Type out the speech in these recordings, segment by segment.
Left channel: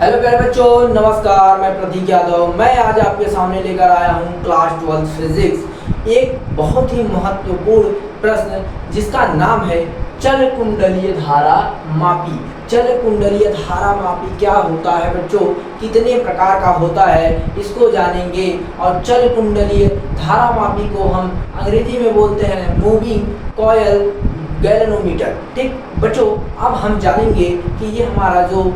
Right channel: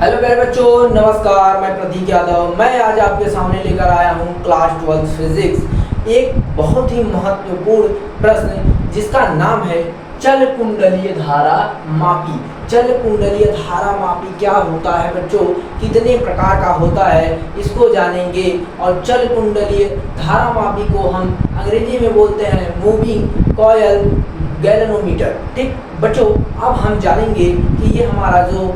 Hello प्यारे बच्चों, नमस्कार। मैं प्रतीक यादव। मैं आज आपके सामने लेकर आया हूँ क्लास 12 फिजिक्स एक बहुत ही महत्वपूर्ण प्रश्न जिसका नाम है चल कुंडलीय धारा मापी। चल कुंडलीय धारा मापी क्या होता है बच्चों, कितने प्रकार का होता है, इसको जानेंगे। और चल कुंडलीय धारा मापी को हम अंग्रेजी में बोलते हैं मूविंग कॉयल गैल्वेनोमीटर। ठीक बच्चों, अब हम जानेंगे कि ये हमारा जो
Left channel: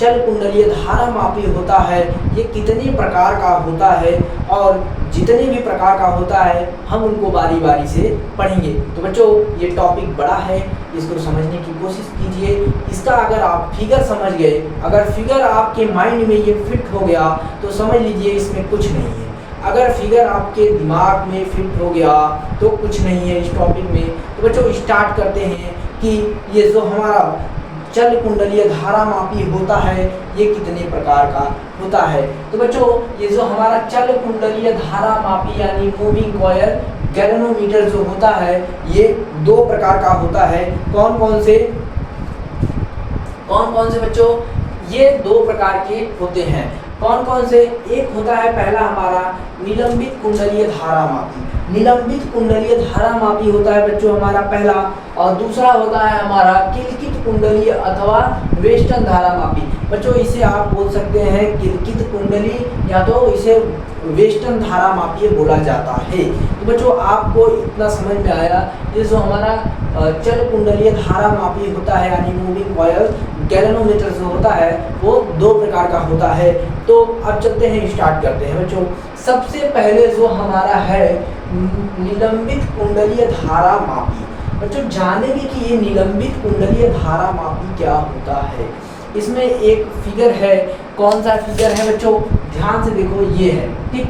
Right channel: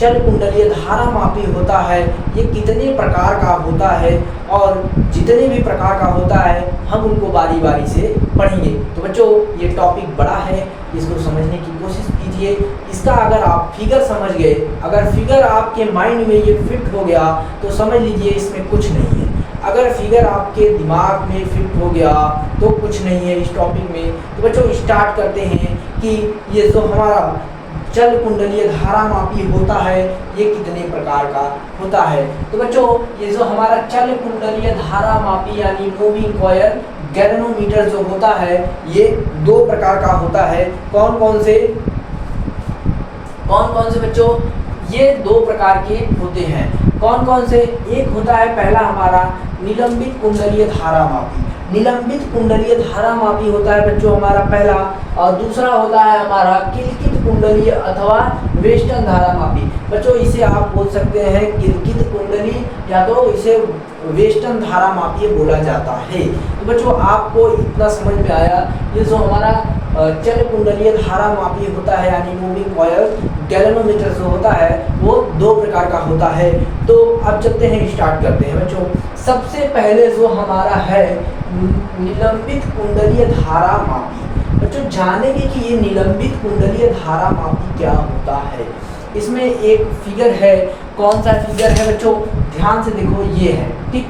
चल कुंडलीय धारा मापी होता है ये कितने प्रकार का होता है, और जितने भी प्रकार का होता है हम उनको बारी बारी से पढ़ेंगे। तो बच्चों, ये टॉपिक बड़ा है, इसको समझने की कोशिश कीजिए। इसका अगर आप फिगर समझ गए, अगर फिगर आपके माइंड में ये फिट हो गया तो समझ लीजिए इसमें कुछ नहीं है। अगर फिगर आपके दिमाग में फिट हो गया तो कुछ नहीं है इस टॉपिक में। तो बच्चों, स्टार्ट करते हैं कि ये जो हमारा चल कुंडलीय धारा मापी होता है ये कितने प्रकार का होता है। तो बच्चों, ये जो हमारा चल कुंडलीय धारा मापी यानी मूविंग कॉयल गैल्वेनोमीटर जो होता है ये दो प्रकार का होता है। कौन कौन से बच्चों, ये दो प्रकार के होते हैं। कौन कौन से? एक होता है पहला हमारा निलंबित कुंडलीय धारा मापी। निलंबित कुंडलीय धारा मापी होता है बच्चों हमारा पहला, और दूसरा होता है हमारा किलकित कुंडलीय अथवा वेस्टर्न धारा मापी। बच्चों, इसे आप बोल सकते हैं किलकित कुंडली या तो इसे वेस्टर्न धारा मापी बोला जाता है। तो बच्चों, आपको इतना समझ में आया, ये जो हमारा चल कुंडलीय धारा मापी होता है यानी मूविंग कॉयल गैल्वेनोमीटर जो होता है वो दो प्रकार का होता है। तो अब चलते हैं, स्टार्ट करते हैं बच्चों। सबसे पहले जो हमारा है निलंबित कुंडलीय धारा मापी। बच्चों, जानेंगे कि ये निलंबित कुंडलीय धारा मापी क्या होता है। इसमें एक फिगर है। कौन सा फिगर है बच्चों? ध्यान से देखो, ये है। ठीक,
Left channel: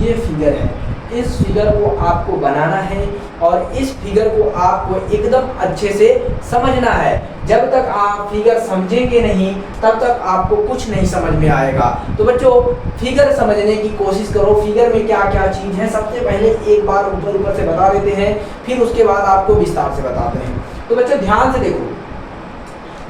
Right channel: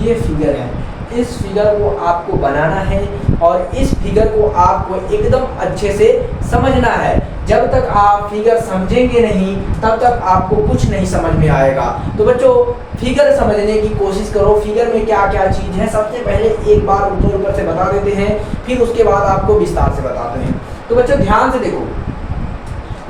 ये फिगर है। इस फिगर को आपको बनाना है और इस फिगर को आपको एकदम अच्छे से समझना है। जब तक आप फिगर समझेंगे नहीं तब तक आपको कुछ नहीं समझ में आएगा। तो बच्चों, फिगर समझने की कोशिश करो। फिगर में क्या क्या चीज़ है सबसे पहले एक बार ऊपर से बता देते हैं, फिर उसके बाद आपको विस्तार से बताते हैं। तो बच्चों, ध्यान से देखो,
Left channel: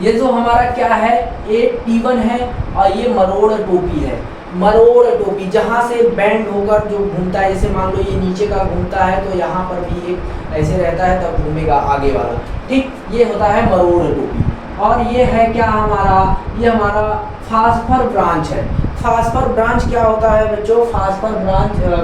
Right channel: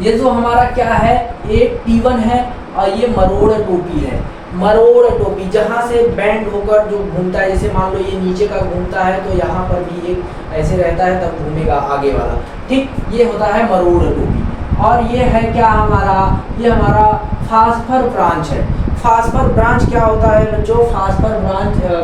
ये जो हमारा क्या है, ये T1 है और ये मरोड़ टोपी है। मरोड़ टोपी जहाँ से बैंड होकर जो घूमता है, जैसे मान लो ये नीचे का घूमता है तो यहाँ पर भी एक ऐसे रहता है, तब घूमेगा आगे वाला। ठीक, ये होता है मरोड़ टोपी। और ये है क्या हमारा, ये हमारा फास्फर ब्रांच है। फास्फर ब्रांच क्या होता है बच्चों? फास्फर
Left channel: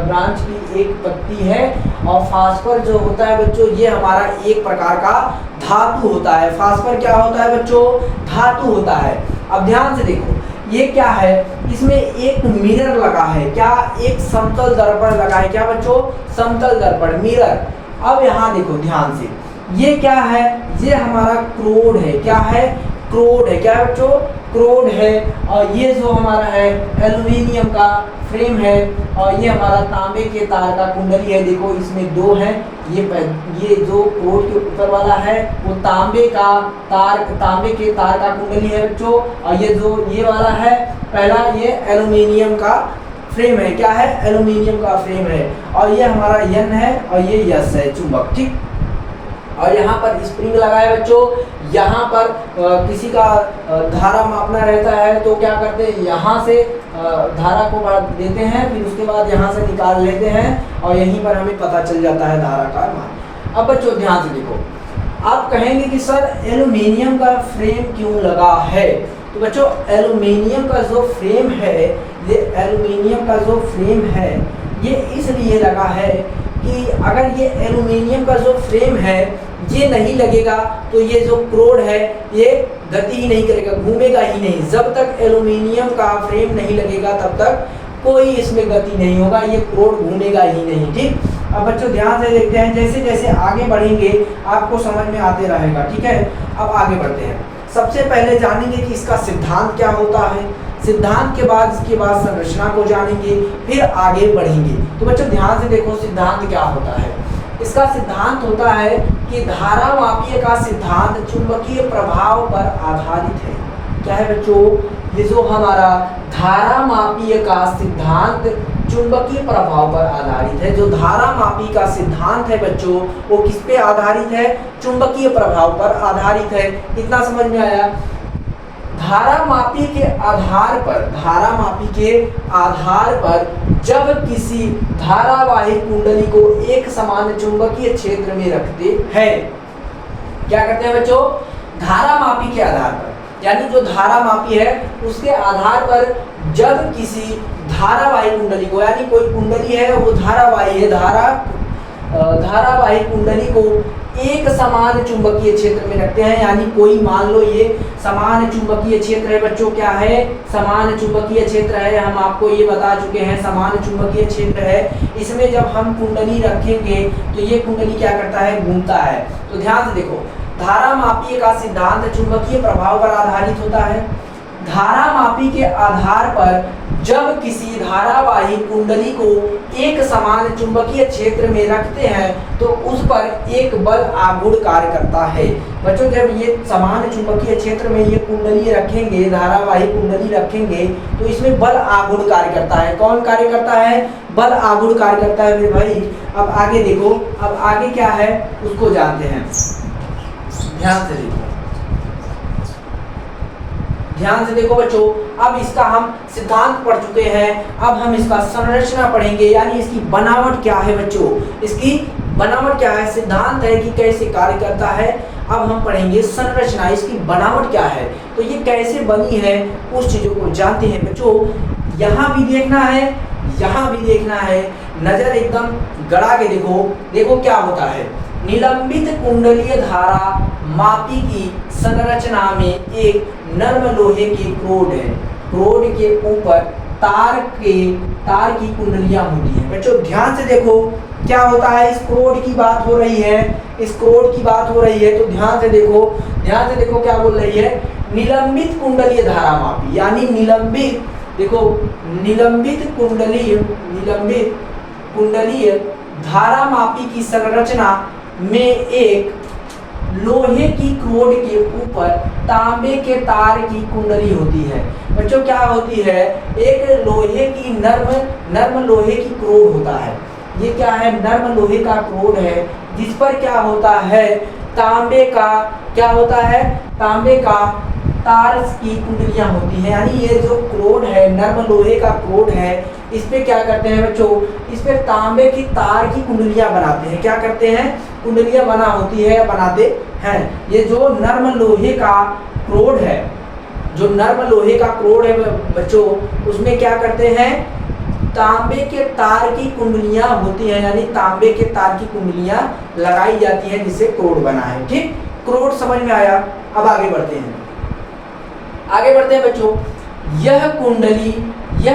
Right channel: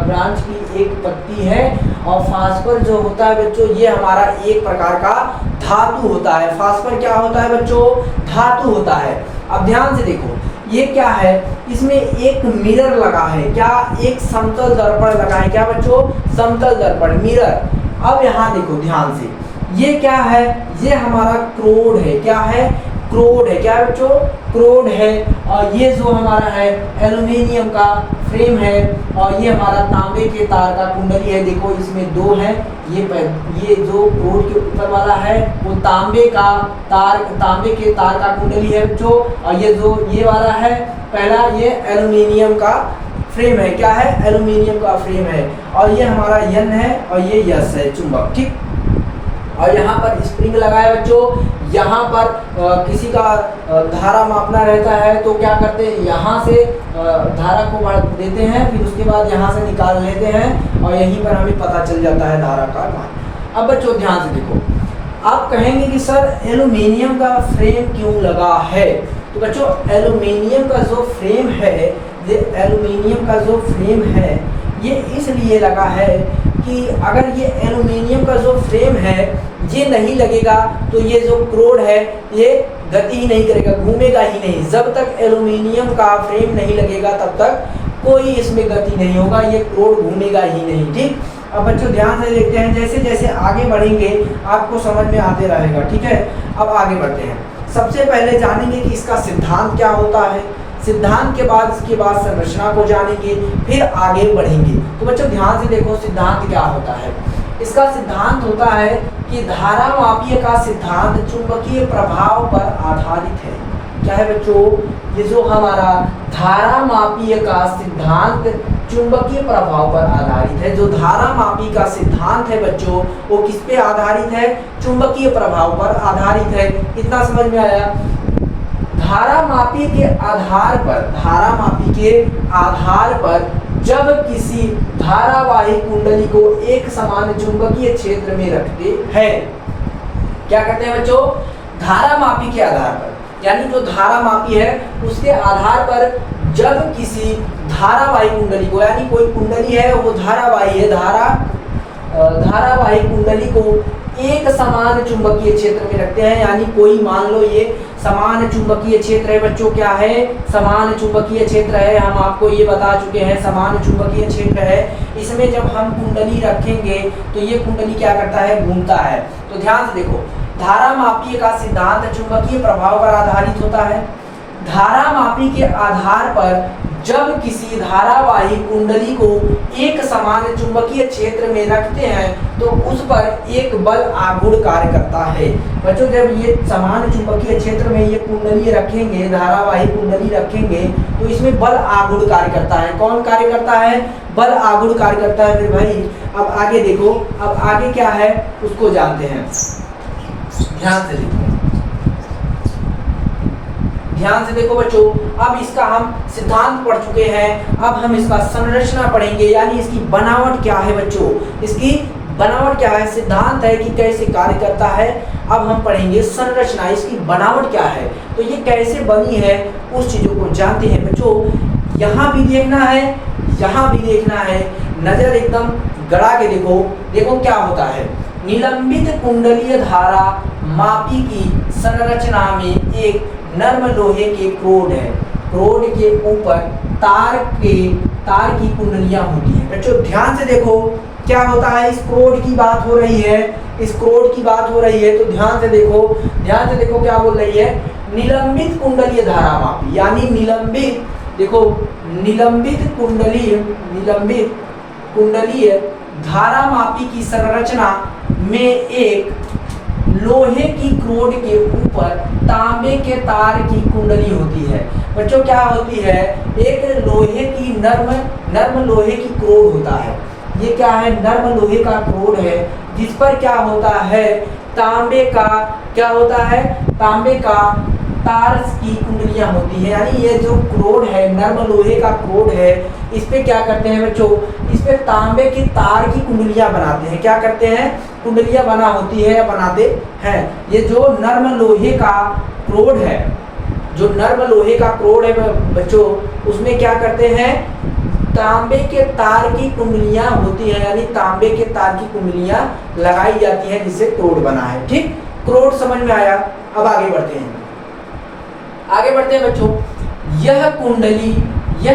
ब्रांच की एक पत्ती है। और फास्फर जो होता है बच्चों ये हमारा एक प्रकार का धातु होता है। फास्फर क्या होता है बच्चों? धातु होता है। अब ध्यान से देखो, ये क्या है, इसमें एक मिरर लगा है। क्या? एक समतल दर्पण लगा है। क्या बच्चों? समतल दर्पण, मिरर। अब यहाँ देखो ध्यान से, ये क्या है, ये हमारा क्रोड है। क्या है? क्रोड है। क्या बच्चों? क्रोड है। और ये जो हमारा है एल्युमिनियम का फ्रेम है, और ये हमारा तांबे के तार का कुंडली है। देखो इसमें दो है, ये जो क्रोड के ऊपर वाला है वो तांबे के तार का कुंडली है बच्चों। और ये जो ये वाला है पहला, ये एल्युमिनियम का फ्रेम है। क्या है? एल्युमिनियम का फ्रेम है। और ये हमारा N है और ये S है, चुंबक। ठीक, और यहाँ पर स्प्रिंग लगा है बच्चों। यहाँ पर किसी का धारा मापना रहता है तो क्या करते हैं, यहाँ से धारा को बढ़ा देते हैं, फिर उसके बाद यहाँ से निकाल लेते हैं और यहीं पर हमें पता चल जाता है धारा का मान। अब बच्चों ध्यान से देखो, आप कहेंगे कि सर एल्युमिनियम का फ्रेम क्यों लगा है? तो बच्चों, एल्युमिनियम का जो फ्रेम है, ये एल्युमिनियम का जो फ्रेम है ये इसलिए लगा है कि अगर ये एल्युमिनियम का जो फ्रेम है ये नहीं लगेगा तो ये जो क्रोड है ये गति ही नहीं करेगा, घूमेगा ही नहीं। जब तक एल्युमिनियम का फ्रेम नहीं लगेगा तब तक कोई इसमें गति नहीं होगा, ये क्रोड घूमेगा ही नहीं। ठीक, अब बच्चों ध्यान से देखते हैं, जैसे जैसे आगे बढ़ेंगे आपको समझ में आते रहेगा। ठीक है, अब आगे बढ़ते हैं। सबसे पहले जानेंगे कि इसका सिद्धांत क्या होता है। सिद्धांत के बाद इसके बाद संरचना को जानेंगे, फिर आगे बढ़ेंगे। तो बच्चों ध्यान से देखो, सिद्धांत क्या होता है। इसका सिद्धांत होता है कि धारा मापीय का सिद्धांत चुंबकीय प्रभाव पर आधारित है। क्या है बच्चों? ये जो हमारा धारा मापीय का सिद्धांत चुंबकीय प्रभाव पर आधारित है। जो धारा मापी का सिद्धांत है बच्चों वो किस पे आधारित है? चुंबकीय प्रभाव पर आधारित है। इतना समझ में आया? धारामापी के आधार पर जब किसी धारावाही कुंडली को एक समान चुंबकीय क्षेत्र में रखते हैं, क्या करते हैं बच्चों, धारामापी के आधार पर, यानी जो धारामापी है उसके आधार पर जब किसी धारावाही कुंडली को, यानी कोई कुंडली है वो धारावाही है, धारावाही कुंडली को एक समान चुंबकीय क्षेत्र में रखते हैं, यानी कोई मान लो ये समान चुंबकीय क्षेत्र है बच्चों, क्या है, समान चुंबकीय क्षेत्र है, हम आपको ये बता चुके हैं समान चुंबकीय क्षेत्र है। इसमें जब हम कुंडली रखेंगे तो ये कुंडली क्या करता है, घूमता है। तो ध्यान से देखो, धारामापी का सिद्धांत चुंबकीय प्रभाव पर आधारित होता है। धारामापी के आधार पर जब किसी धारावाही कुंडली को एक समान चुंबकीय क्षेत्र में रखते हैं तो उस पर एक बल आघूर्ण कार्य करता है। बच्चों जब ये समान चुंबकीय क्षेत्र में ये कुंडली रखेंगे, धारावाही कुंडली रखेंगे, तो इसमें बल आघूर्ण कार्य करता है। कौन कार्य करता है, बल आघूर्ण कार्य करता है। फिर भाई अब आगे देखो, अब आगे क्या है उसको जानते हैं। ध्यान से देखो बच्चों, अब इसका हम सिद्धांत पढ़ चुके हैं, अब हम इसका संरचना पढ़ेंगे, यानी इसकी बनावट क्या है बच्चों, इसकी बनावट क्या है, सिद्धांत है कि कैसे कार्य करता है। अब हम पढ़ेंगे संरचना, इसकी बनावट क्या है, तो ये कैसे बनी है उस चीजों को जानते हैं बच्चों। यहाँ भी देखना है, यहाँ भी देखना है, नजर एकदम गड़ा के देखो। देखो क्या होता है, निलंबित कुंडलीय धारा मापी की संरचना में एक नर्म लोहे के क्रोड है, क्रोड के ऊपर तार की कुंडलियां होती हैं। बच्चों ध्यान से देखो क्या होता है, इस क्रोड की बात हो रही है, इस क्रोड की बात हो रही है, तो ध्यान से देखो क्या बोल रही है, निलंबित कुंडलीय धारा मापी, यानी निलंबित, देखो निलंबित कुंडलीय धारा मापी की संरचना में एक लोहे की क्रोड के ऊपर तांबे के तार की कुंडली होती है। बच्चों क्या होती है, एक लोहे की नर्म लोहे की क्रोड होता है। ये क्या है, नर्म लोहे का क्रोड है, जिस पर क्या होता है, तांबे का क्या होता है, तांबे का तार की कुंडलियां होती है। यानी ये जो क्रोड है, नर्म लोहे का क्रोड है, इस पे क्या करते हैं बच्चों, इस पे तांबे की तार की कुंडलियां बनाते हैं। क्या करते हैं, कुंडलियां बना होती है या बनाते हैं। ये जो नर्म लोहे का क्रोड है, जो नर्म लोहे का क्रोड है बच्चों, उसमें क्या करते हैं, तांबे के तार की कुंडलियां होती हैं, यानी तांबे के तार की कुंडलियां लगाई जाती हैं, जिससे क्रोड बना है। ठीक, क्रोड समझ में आया। अब आगे बढ़ते हैं बच्चों। यह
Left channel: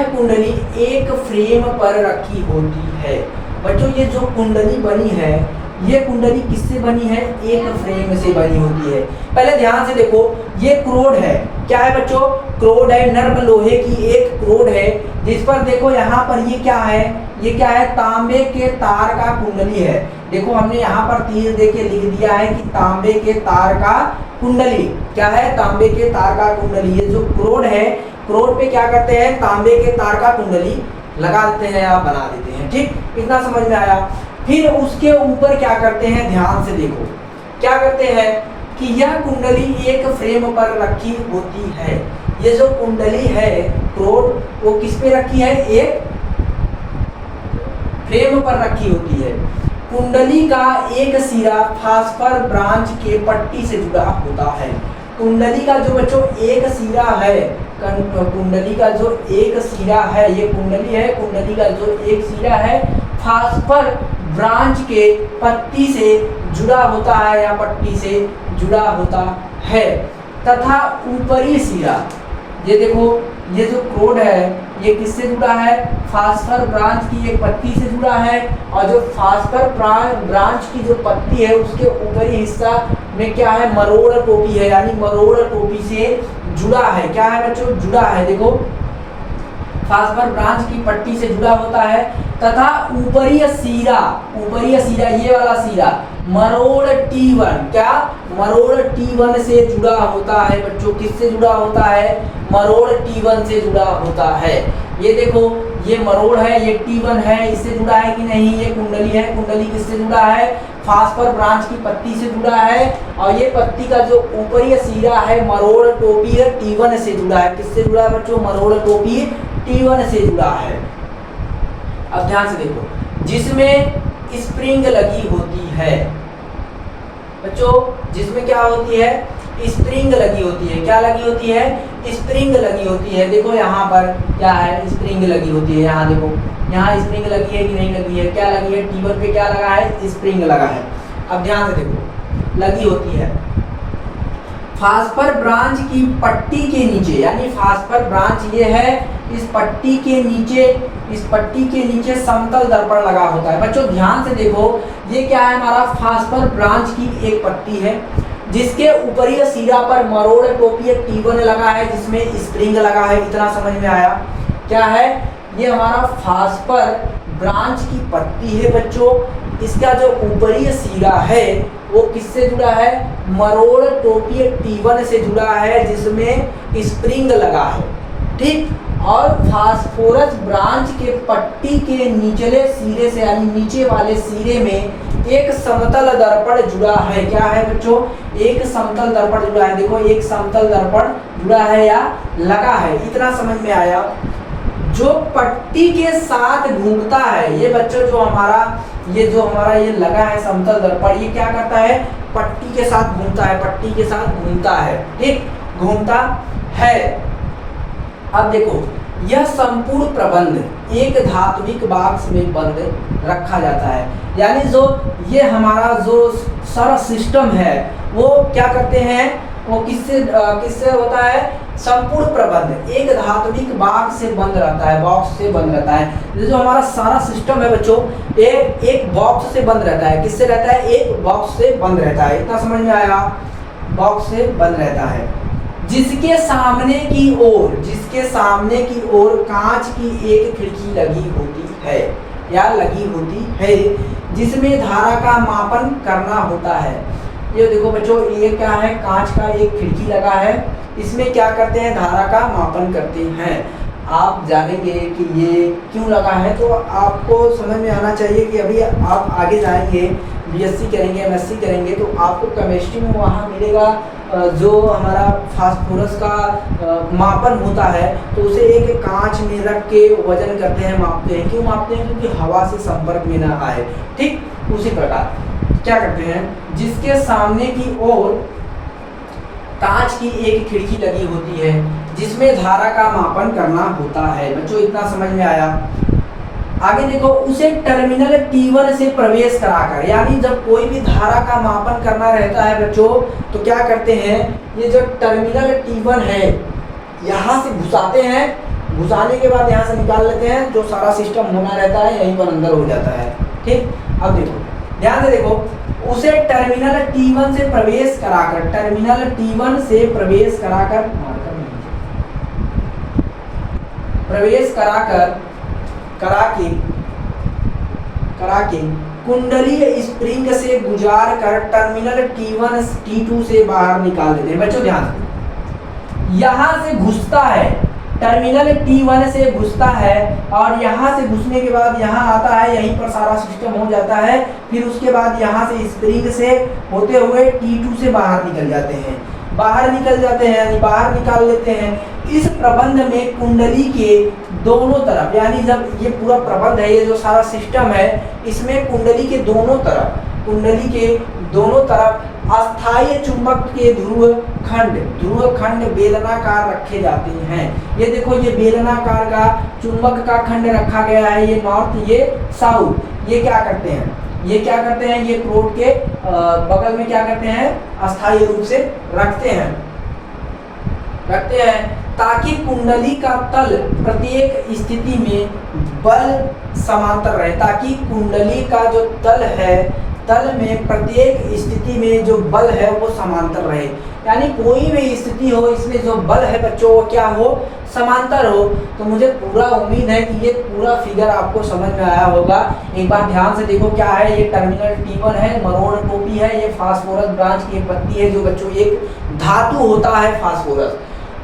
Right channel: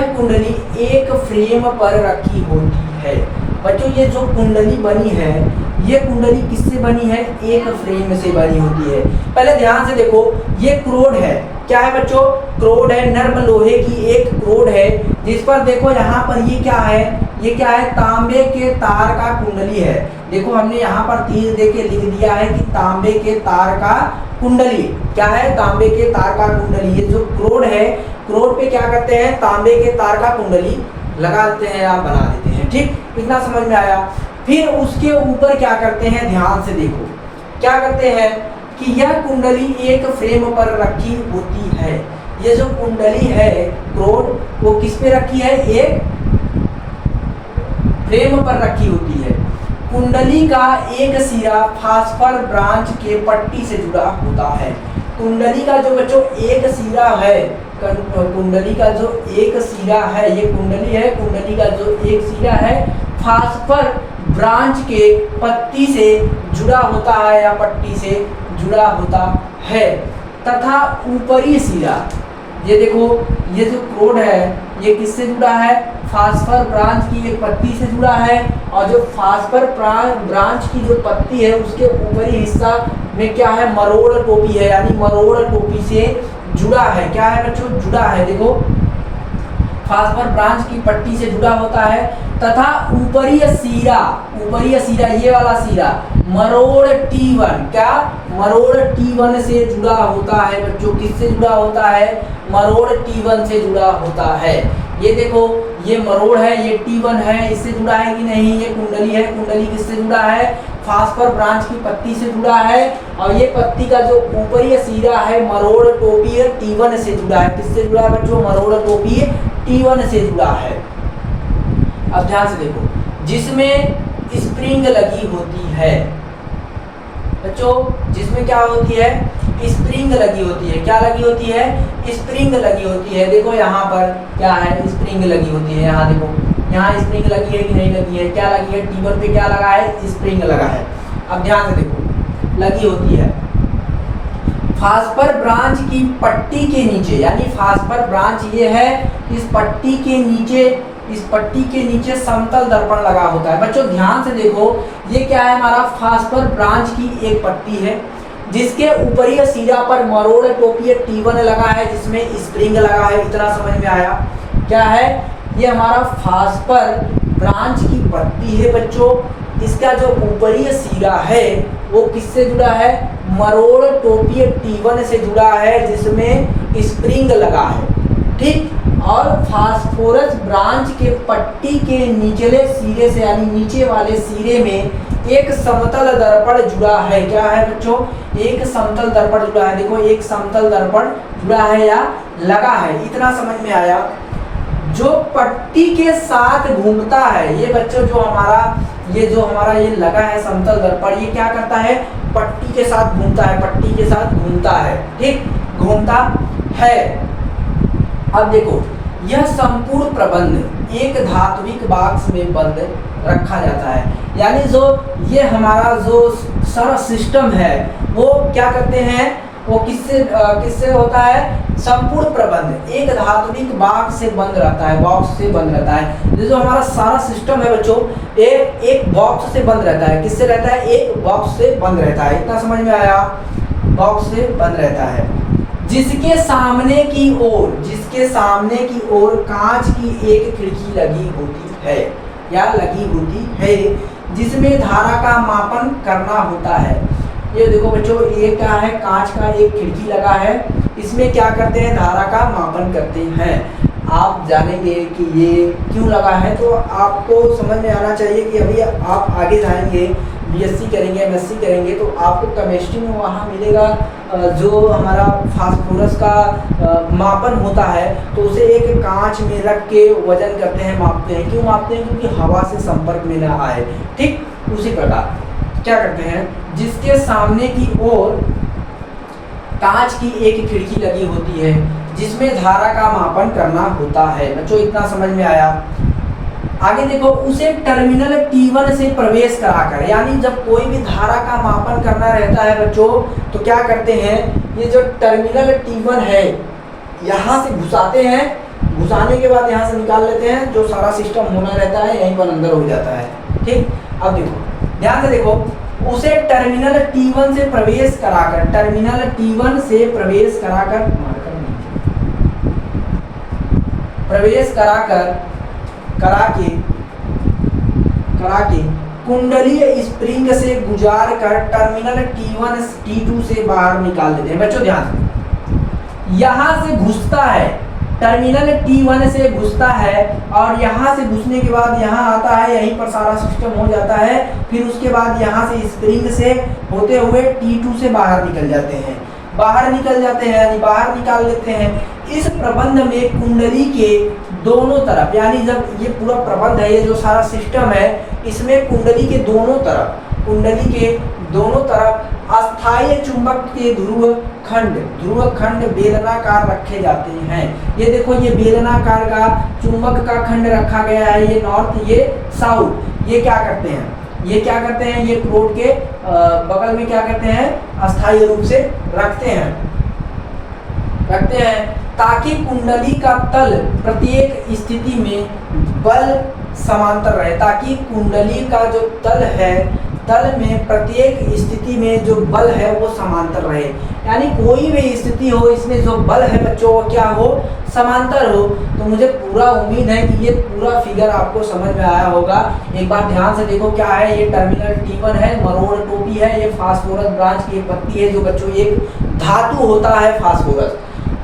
कुंडली एक फ्रेम पर रखी होती है। बच्चों ये जो कुंडली बनी है, ये कुंडली किससे बनी है, एक फ्रेम से बनी होती है। पहले ध्यान से देखो, ये क्रोड है, क्या है बच्चों, क्रोड है, नर्म लोहे की एक क्रोड है, जिस पर देखो यहाँ पर ये क्या है, तांबे के तार का कुंडली है। देखो हमने यहाँ पर तीर देके लिख दिया है कि तांबे के तार का कुंडली, क्या है, तांबे के तार का कुंडली। ये जो क्रोड है, क्रोड पे क्या करते हैं, तांबे के तार का कुंडली लगा देते हैं या बना देते हैं। ठीक, इतना समझ में आया। फिर उसके ऊपर क्या करते हैं, ध्यान से देखो, क्या करते हैं कि यह कुंडली एक फ्रेम पर रखी होती है। ये जो कुंडली है क्रोड, वो किस पे रखी है, एक फ्रेम पर रखी होती है। कुंडली का एक सिरा फास्फर ब्रांच के पट्टी से जुड़ा होता है। कुंडली का जो बच्चों एक सिरा है, कुंडली का जो एक सिरा है, ये कुंडली है, कुंडली का जो एक सिरा है फास्फर ब्रांच के पत्ती से जुड़ा होता है या पट्टी से जुड़ा होता है, तथा ऊपरी सिरा, ये देखो ये जो क्रोड है ये किससे जुड़ा है, फास्फर ब्रांच की एक पत्ती से जुड़ा है, और जो फास्फर ब्रांच की जो पत्ती है उसके ऊपरी हिस्सा में क्या है, मरोड़ टोपी है, यानी मरोड़ टोपी से जुड़ा है। क्या है बच्चों, जुड़ा है। देखो फास्फर ब्रांच की पट्टी से जुड़ा होता है, तथा ऊपरी सीरा, ये वाला सीरा मरोड़ T1, क्या, मरोड़ T1 से जुड़ा होता है बच्चों। किससे जुड़ा होता है, मरोड़ T1 से जुड़ा होता है। ये देखो ये मरोड़ है, ये T1 है, इससे जुड़ा है कि नहीं, ये कुंडली है, कुंडली किससे जुड़ा है, फास्फर ब्रांच की पत्ती से जुड़ा है और ये पत्ती का जो ऊपरी सिरा है मरोड़ टोपी T1 से जुड़ा है। किससे जुड़ा है बच्चों? मरोड़ टोपी T1 से जुड़ा है। अब ध्यान से देखो, जिसमें स्प्रिंग लगी होती है बच्चों, जिसमें क्या होती है? स्प्रिंग लगी होती है। क्या लगी होती है? स्प्रिंग लगी होती है। देखो यहाँ पर क्या है? स्प्रिंग लगी होती है। यहाँ देखो, यहाँ स्प्रिंग लगी है कि नहीं लगी है? क्या लगी है? T1 पे क्या लगा है? स्प्रिंग लगा है। अब ध्यान से देखो, लगी होती है। फास्फर ब्रांच की पट्टी के नीचे, यानी फास्फर ब्रांच ये है, इस पट्टी के नीचे समतल दर्पण लगा होता है। बच्चों ध्यान से देखो, ये क्या है? हमारा फास्फर ब्रांच की एक पट्टी है जिसके ऊपरी सिरा पर मरोड़ टोपी T1 लगा है, जिसमें स्प्रिंग लगा है। इतना समझ में आया? क्या है? ये हमारा फास्फर ब्रांच की पट्टी है बच्चों। इसका जो ऊपरी सिरा है वो किससे जुड़ा है? मरोड़ टोपी T1 से जुड़ा है, जिसमें स्प्रिंग लगा है। ठीक। और फास्फोरस ब्रांच के पट्टी के निचले सिरे से, यानी नीचे वाले सिरे में एक समतल दर्पण जुड़ा है। क्या है बच्चों? एक समतल दर्पण जुड़ा है। देखो, एक समतल दर्पण जुड़ा है या लगा है। इतना समझ में आया? जो पट्टी के साथ घूमता है, ये बच्चों जो हमारा ये लगा है समतल दर्पण, ये क्या करता है? पट्टी के साथ घूमता है। पट्टी के साथ घूमता है। ठीक, घूमता है। अब देखो, यह संपूर्ण प्रबंध एक धात्विक बॉक्स में बंद रखा जाता है। यानी जो ये हमारा जो सारा सिस्टम है वो क्या करते हैं? वो किससे होता है? संपूर्ण प्रबंध एक धात्विक बॉक्स से बंद रहता है। बॉक्स से बंद रहता है। जो हमारा सारा सिस्टम है बच्चों, एक बॉक्स से बंद रहता है। किससे रहता है? एक बॉक्स से बंद रहता है। इतना समझ में आया? बॉक्स से बंद रहता है। जिसके सामने की ओर कांच की एक खिड़की लगी होती है या लगी होती है, जिसमें धारा का मापन करना होता है। ये देखो बच्चों, ये क्या है? कांच का एक खिड़की लगा है। इसमें क्या करते हैं? धारा का मापन करते हैं। आप जानेंगे कि ये क्यों लगा है, तो आपको समझ में आना चाहिए कि अभी आप आगे जाएंगे, बीएससी करेंगे, एमएससी करेंगे, तो आपको केमिस्ट्री में वहाँ मिलेगा जो हमारा फास्फोरस का मापन होता है, तो उसे एक कांच में रख के वजन करते हैं, मापते हैं। क्यों मापते हैं? क्योंकि हवा से संपर्क में ना आए। ठीक, उसी प्रकार क्या करते हैं? जिसके सामने की ओर कांच की एक खिड़की लगी होती है, जिसमें धारा का मापन करना होता है। बच्चों इतना समझ में आया? आगे देखो, उसे टर्मिनल T1 से प्रवेश कराकर, यानी जब कोई भी धारा का मापन करना रहता है बच्चों, तो क्या करते हैं? ये जो टर्मिनल T1 है यहाँ से घुसाते हैं। घुसाने के बाद यहाँ से निकाल लेते हैं। जो सारा सिस्टम होना रहता है यहीं पर अंदर हो जाता है। ठीक। अब देखो, ध्यान से देखो, उसे टर्मिनल T1 से प्रवेश कराकर, करा के कुंडलीय स्प्रिंग से गुजार कर टर्मिनल T1 T2 से बाहर निकाल देते हैं। बच्चों ध्यान से, यहाँ से घुसता है, टर्मिनल T1 से घुसता है और यहाँ से घुसने के बाद यहाँ आता है, यहीं पर सारा सिस्टम हो जाता है। फिर उसके बाद यहाँ से स्प्रिंग से होते हुए T2 से बाहर निकल जाते हैं, यानी बाहर निकाल लेते हैं। इस प्रबंध में कुंडली के दोनों तरफ, यानी जब ये पूरा प्रबंध है, ये जो सारा सिस्टम है, इसमें कुंडली के दोनों तरफ अस्थायी चुंबक के ध्रुव खंड बेलनाकार रखे जाते हैं। ये देखो, ये बेलनाकार का चुंबक का खंड रखा गया है, ये नॉर्थ, ये साउथ। ये क्या करते हैं? ये प्रोड के बगल में क्या करते हैं? अस्थायी रूप से रखते हैं, ताकि कुंडली का तल प्रत्येक स्थिति में बल समांतर रहे। ताकि कुंडली का जो तल में प्रत्येक स्थिति में जो बल है वो समांतर रहे। यानी कोई भी स्थिति हो, इसमें जो बल है बच्चों वो क्या हो? समांतर हो। तो मुझे पूरा उम्मीद है कि ये पूरा फिगर आपको समझ में आया होगा। एक बार ध्यान से देखो, क्या है? ये टर्मिनल T1 है, मरोड़ टोपी है, ये फास्फोरस ब्रांच की एक पत्ती है, जो बच्चों एक धातु होता है फास्फोरस।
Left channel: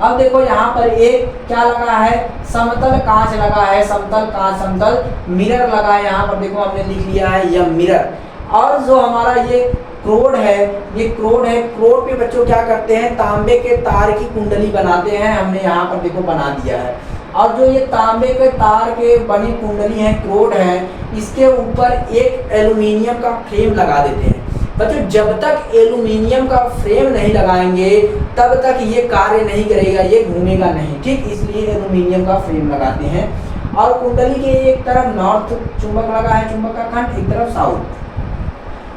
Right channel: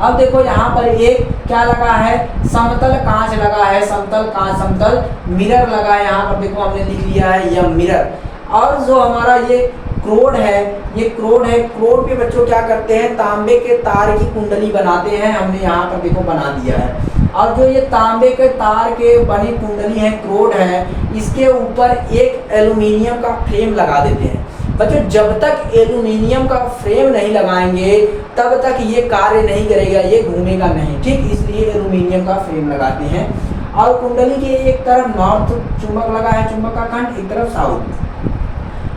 अब देखो, यहाँ पर एक क्या लगा है? समतल कांच लगा है, समतल मिरर लगा है। यहाँ पर देखो, हमने लिख लिया है यह मिरर। और जो हमारा ये क्रोड है, ये क्रोड है, क्रोड पे बच्चों क्या करते हैं, तांबे के तार की कुंडली बनाते हैं। हमने यहाँ पर देखो बना दिया है। और जो ये तांबे के तार के बनी कुंडली है, क्रोड है, इसके ऊपर एक एल्यूमिनियम का फ्रेम लगा देते हैं। बच्चों जब तक एल्यूमिनियम का फ्रेम नहीं लगाएंगे तब तक ये कार्य नहीं करेगा, ये घूमेगा नहीं, ठीक। इसलिए एल्यूमिनियम का फ्रेम लगाते हैं। और कुंडली के एक तरफ नॉर्थ चुंबक लगा है, चुंबक का खंड, एक तरफ साउथ,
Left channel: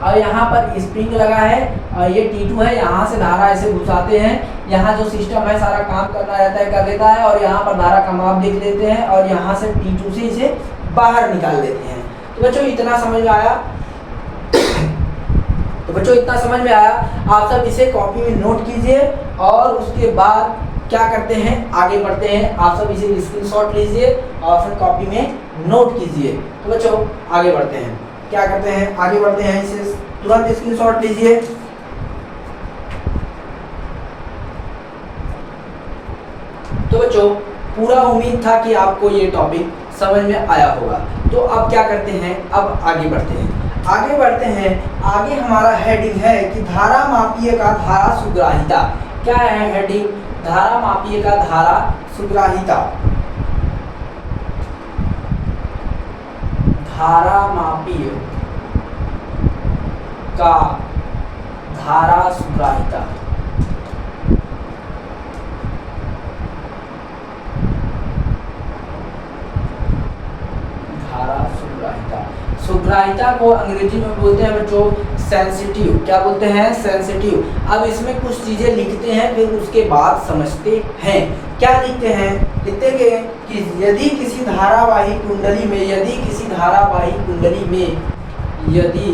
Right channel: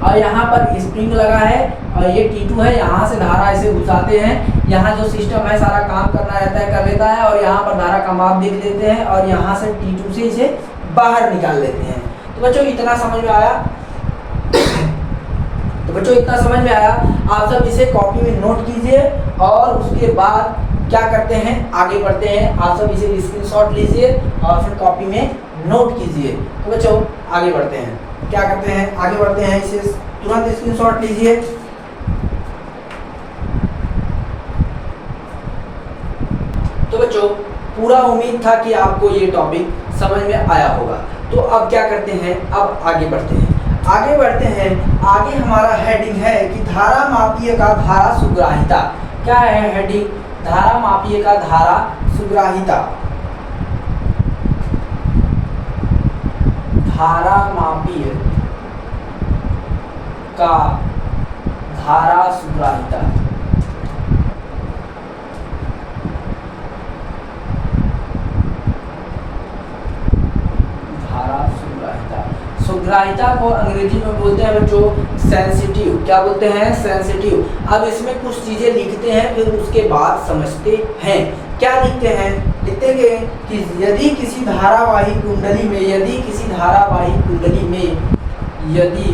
और यहाँ पर स्प्रिंग लगा है, और ये T2 है, यहाँ से धारा ऐसे घुसाते हैं। यहाँ जो सिस्टम है सारा काम करना रहता है, कर लेता है, और यहाँ पर धारा का माप देख लेते हैं, और यहाँ से T2 से इसे बाहर निकाल लेते हैं। तो बच्चों इतना समझ में आया? तो बच्चों इतना समझ में आया। आप सब इसे कॉपी में नोट कीजिए, और उसके बाद क्या करते हैं, आगे बढ़ते हैं। आप सब इसे स्क्रीनशॉट लीजिए और फिर कॉपी में नोट कीजिए। तो बच्चों आगे बढ़ते हैं, क्या करते हैं, आगे बढ़ते हैं, इसे तुरंत स्क्रीनशॉट लीजिए। तो बच्चों पूरा उम्मीद था कि आपको ये टॉपिक समझ में आया होगा। तो अब क्या करते हैं, अब आगे बढ़ते हैं, आगे बढ़ते हैं। आगे हमारा हेडिंग है कि धारा मापीय का धारा सुग्राहिता। क्या है हेडिंग? धारा मापीय का धारा सुग्राहिता। धारा मापीय का धारा सुग्राहिता। धारा सुग्राहिता। सुग्राहिता को अंग्रेजी में बोलते हैं बच्चों सेंसिटिव। क्या बोलते हैं? सेंसिटिव। अब इसमें कुछ चीजें लिखते हैं, फिर उसके बाद समझते हैं। क्या लिखते हैं? लिखते हैं कि यदि किसी धारावाही कुंडली में, यदि किसी धारावाही कुंडली में, यदि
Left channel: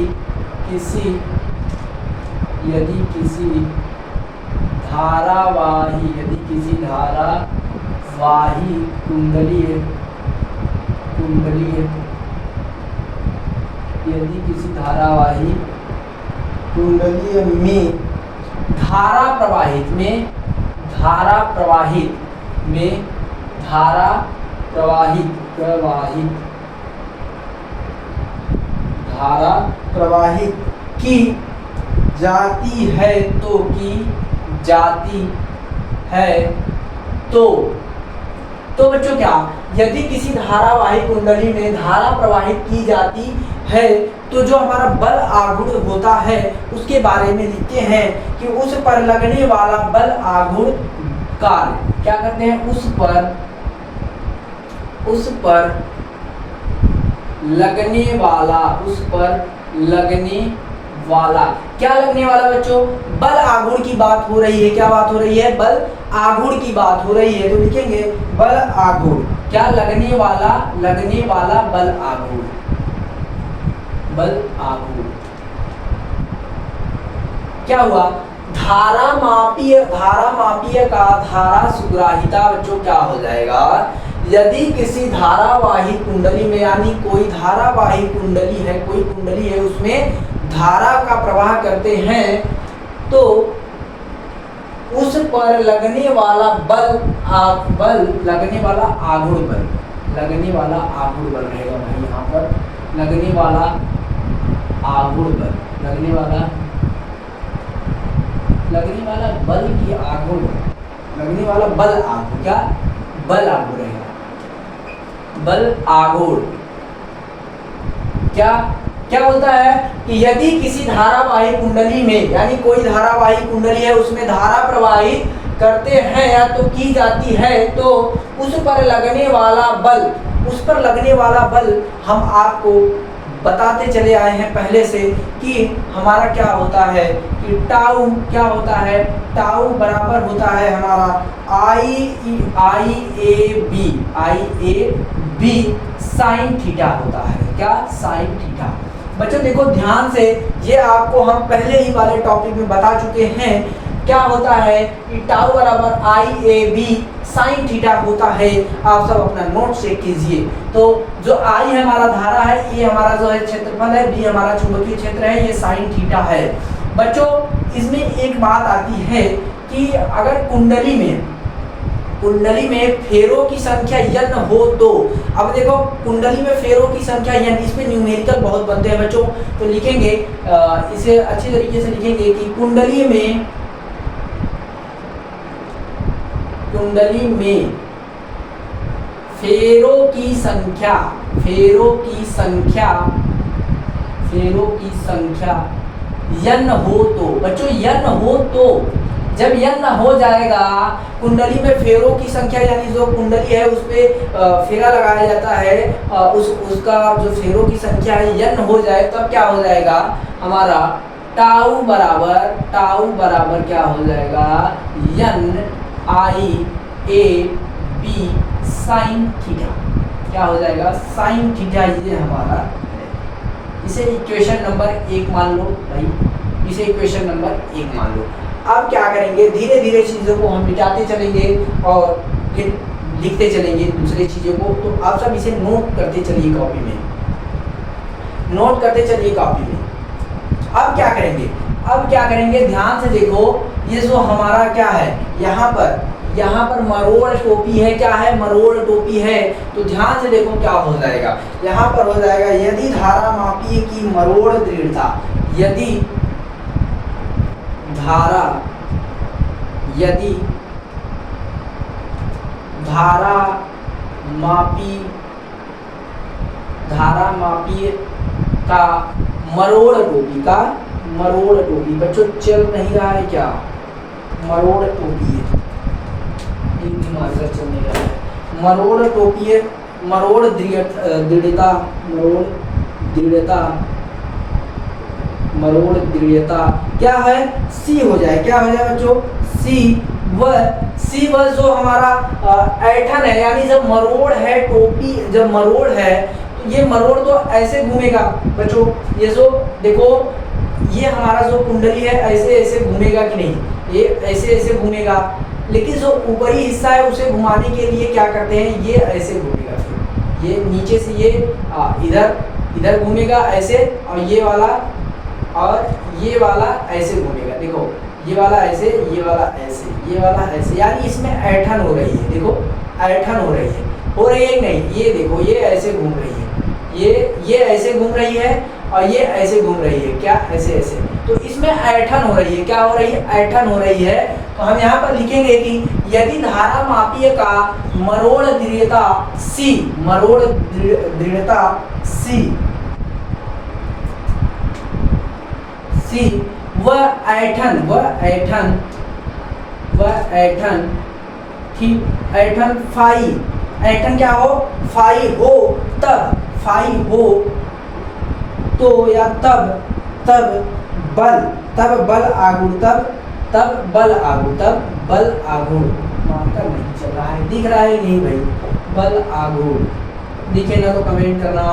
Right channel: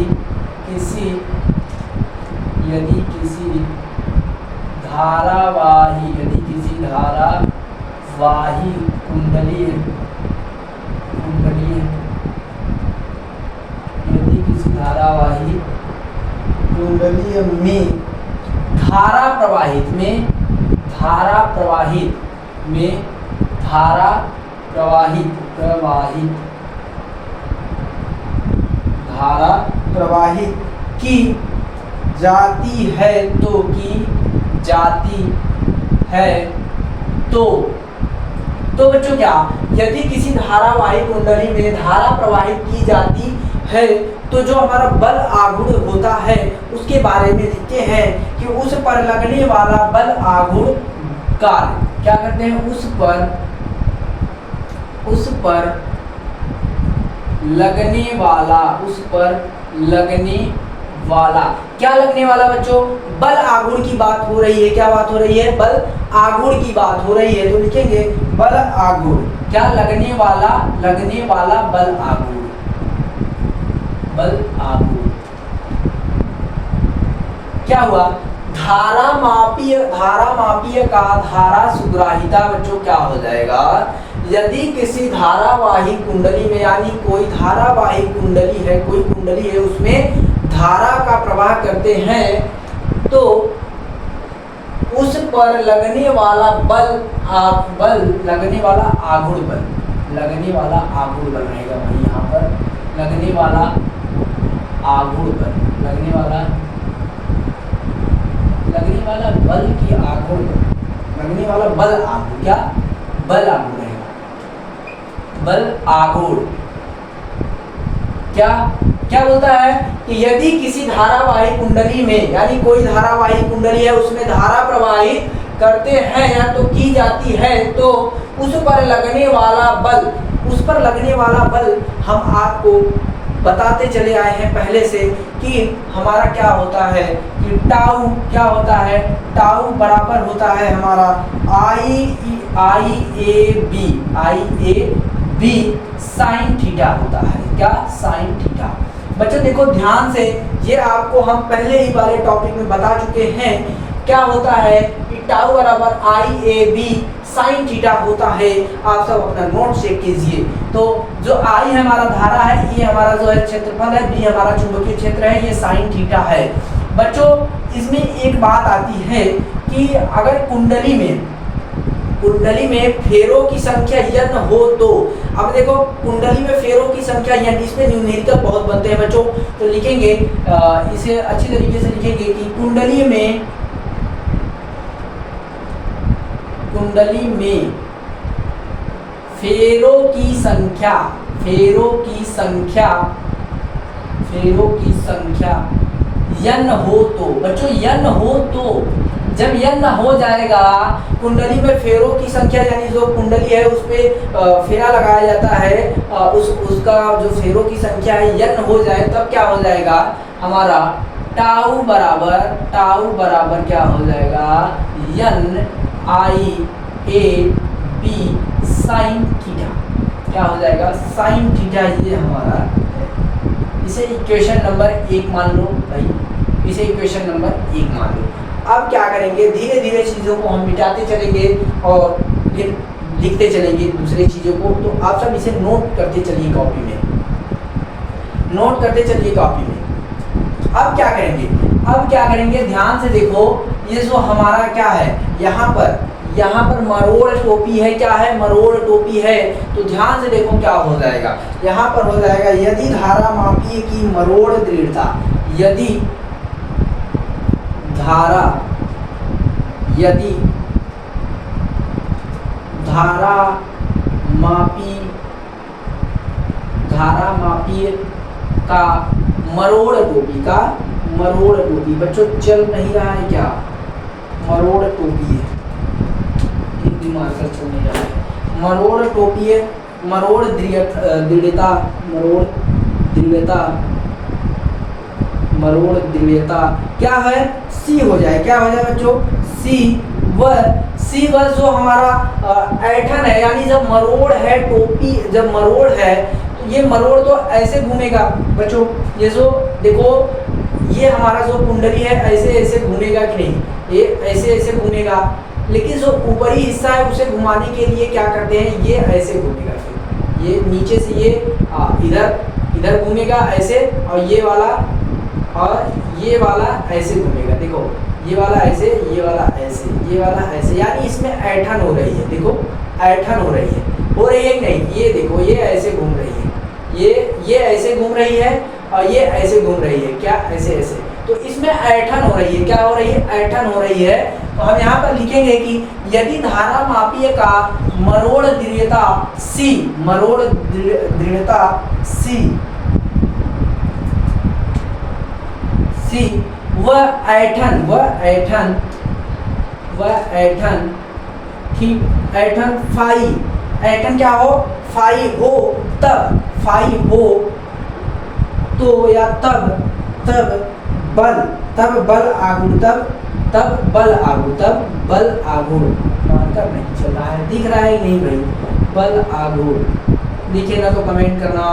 किसी धारावाही, यदि किसी धारावाही कुंडली, यदि किसी धारावाही कुंडली में धारा प्रवाहित में, धारा प्रवाहित में, धारा प्रवाहित, धारा प्रवाहित की जाती है तो, की जाती है तो बच्चों क्या, यदि किसी धारावाही कुंडली में धारा प्रवाहित की जाती है तो जो हमारा बल आघूर्ण होता है उसके बारे में लिखते हैं कि उस पर लगने वाला बल आघूर्ण कार्य। क्या करते हैं? उस पर लगने वाला, क्या लगने वाला बच्चों? बल आघूर्ण की बात हो रही है। क्या बात हो रही है? बल आघूर्ण की बात हो रही है। तो लिखेंगे बल आघूर्ण। क्या लगने वाला बल आघूर्ण, बल आघूर्ण। क्या हुआ? धारा मापीय का धारा सुग्राहिता बच्चों क्या हो जाएगा? यदि किसी धारावाही कुंडली में, यानी कोई धारावाही कुंडली है, कोई कुंडली है, उसमें धारा का प्रवाह करते हैं तो उस पर लगने वाला लगने वाला आघूर्ण बल, लगने वाला आघूर्ण बल रहेगा भाई। यहाँ पर लगने वाला आघूर्ण बल, लगने वाला बल की आघूर्ण बल, लगने वाला बल आघूर्ण, क्या बल आघूर्ण रहेगा, बल आघूर्ण। क्या बोलता है कि यदि किसी धारावाही कुंडली में, यानी कोई धारावाही कुंडली है उसमें धारा प्रवाहित करते हैं या तो की जाती है तो उस पर लगने वाला बल, उस पर लगने वाला बल हम आपको बताते चले आए हैं पहले से कि हमारा क्या होता है कि टाउ क्या होता है, टाउ बराबर होता है हमारा आई ए बी साइन थीटा होता है। क्या? Sine theta. बच्चों देखो ध्यान से, ये आपको हम पहले ही वाले टॉपिक में बता चुके हैं। क्या होता है कि टाउ बराबर IAB साइन थीटा होता है। आप सब अपना नोट चेक कीजिए। तो जो I हमारा धारा है, ये हमारा जो है क्षेत्रफल है, B हमारा चुंबकीय क्षेत्र है, ये साइन थीटा है। बच्चों इसमें एक बात आती है कि अगर कुंडली में कुंडली में फेरों की संख्या n हो तो, अब देखो कुंडली में फेरों की संख्या n, इसमें न्यूमेरिकल बहुत बनते हैं बच्चों, तो लिखेंगे इसे अच्छी तरीके से लिखेंगे कि कुंडली में फेरों की संख्या n हो तो, बच्चों n हो तो, जब n हो जाएगा कुंडली में फेरों की संख्या, यानी जो कुंडली है उस पे फेरा लगाया जाता है, उसका जो फेरों की संख्या है n हो जाए, तब क्या हो जाएगा हमारा टाउ बराबर क्या हो जाएगा n i a b sine theta, क्या हो जाएगा साइन थीटा, ये हमारा इसे इक्वेशन नंबर 1 मान लो भाई, इसे इक्वेशन नंबर 1 मान लो। अब क्या करेंगे, धीरे धीरे चीज़ों को हम मिटाते चलेंगे और फिर लिखते चलेंगे दूसरे चीज़ों को, तो आप सब इसे नोट करते चलिए कॉपी में, अब क्या करेंगे ध्यान से देखो, ये जो हमारा क्या है, यहाँ पर मरोड़ टोपी है, क्या है मरोड़ टोपी है, तो ध्यान से देखो क्या हो जाएगा, यहाँ पर हो जाएगा यदि धारा मापी की मरोड़ दृढ़ता, यदि धारा मापी का मरोड़ टोपी, बच्चों चल नहीं रहा है क्या, मरोड़ टोपी है, एक दिमाग से चल नहीं रहा है, मरोड़ टोपी है, मरोड़ दृढ़ता क्या है, सी हो जाए, क्या हो जाए बच्चों सी व जो हमारा ऐठन है, यानी जब मरोड़ है टोपी, जब मरोड़ है तो ये मरोड़ तो ऐसे घूमेगा बच्चों, ये जो देखो ये हमारा जो कुंडली है ऐसे घूमेगा कि नहीं, ये ऐसे घूमेगा, लेकिन जो ऊपरी हिस्सा है उसे घुमाने के लिए क्या करते हैं, ये ऐसे घूमेगा, फिर ये नीचे से ये इधर घूमेगा ऐसे, और ये वाला ऐसे घूमेगा, देखो ये वाला ऐसे, ये वाला ऐसे, ये वाला ऐसे, यानी इसमें ऐठन हो रही है, देखो ऐठन हो रही है कि नहीं, ये देखो ये ऐसे घूम रही है, ये ऐसे घूम रही है और ये ऐसे घूम रही है, क्या ऐसे, तो इसमें ऐठन हो रही है, क्या हो रही है, ऐठन हो रही है, तो हम यहाँ पर लिखेंगे कि यदि धारा मापीय का मरोड़ दृढ़ता C व ऐठन फाई क्या हो, फाई हो तो, या तब बल आघूर्ण मार्कर नहीं चल रहा है, दिख रहा है नहीं भाई, बल आघूर्ण दिखे ना तो कमेंट करना।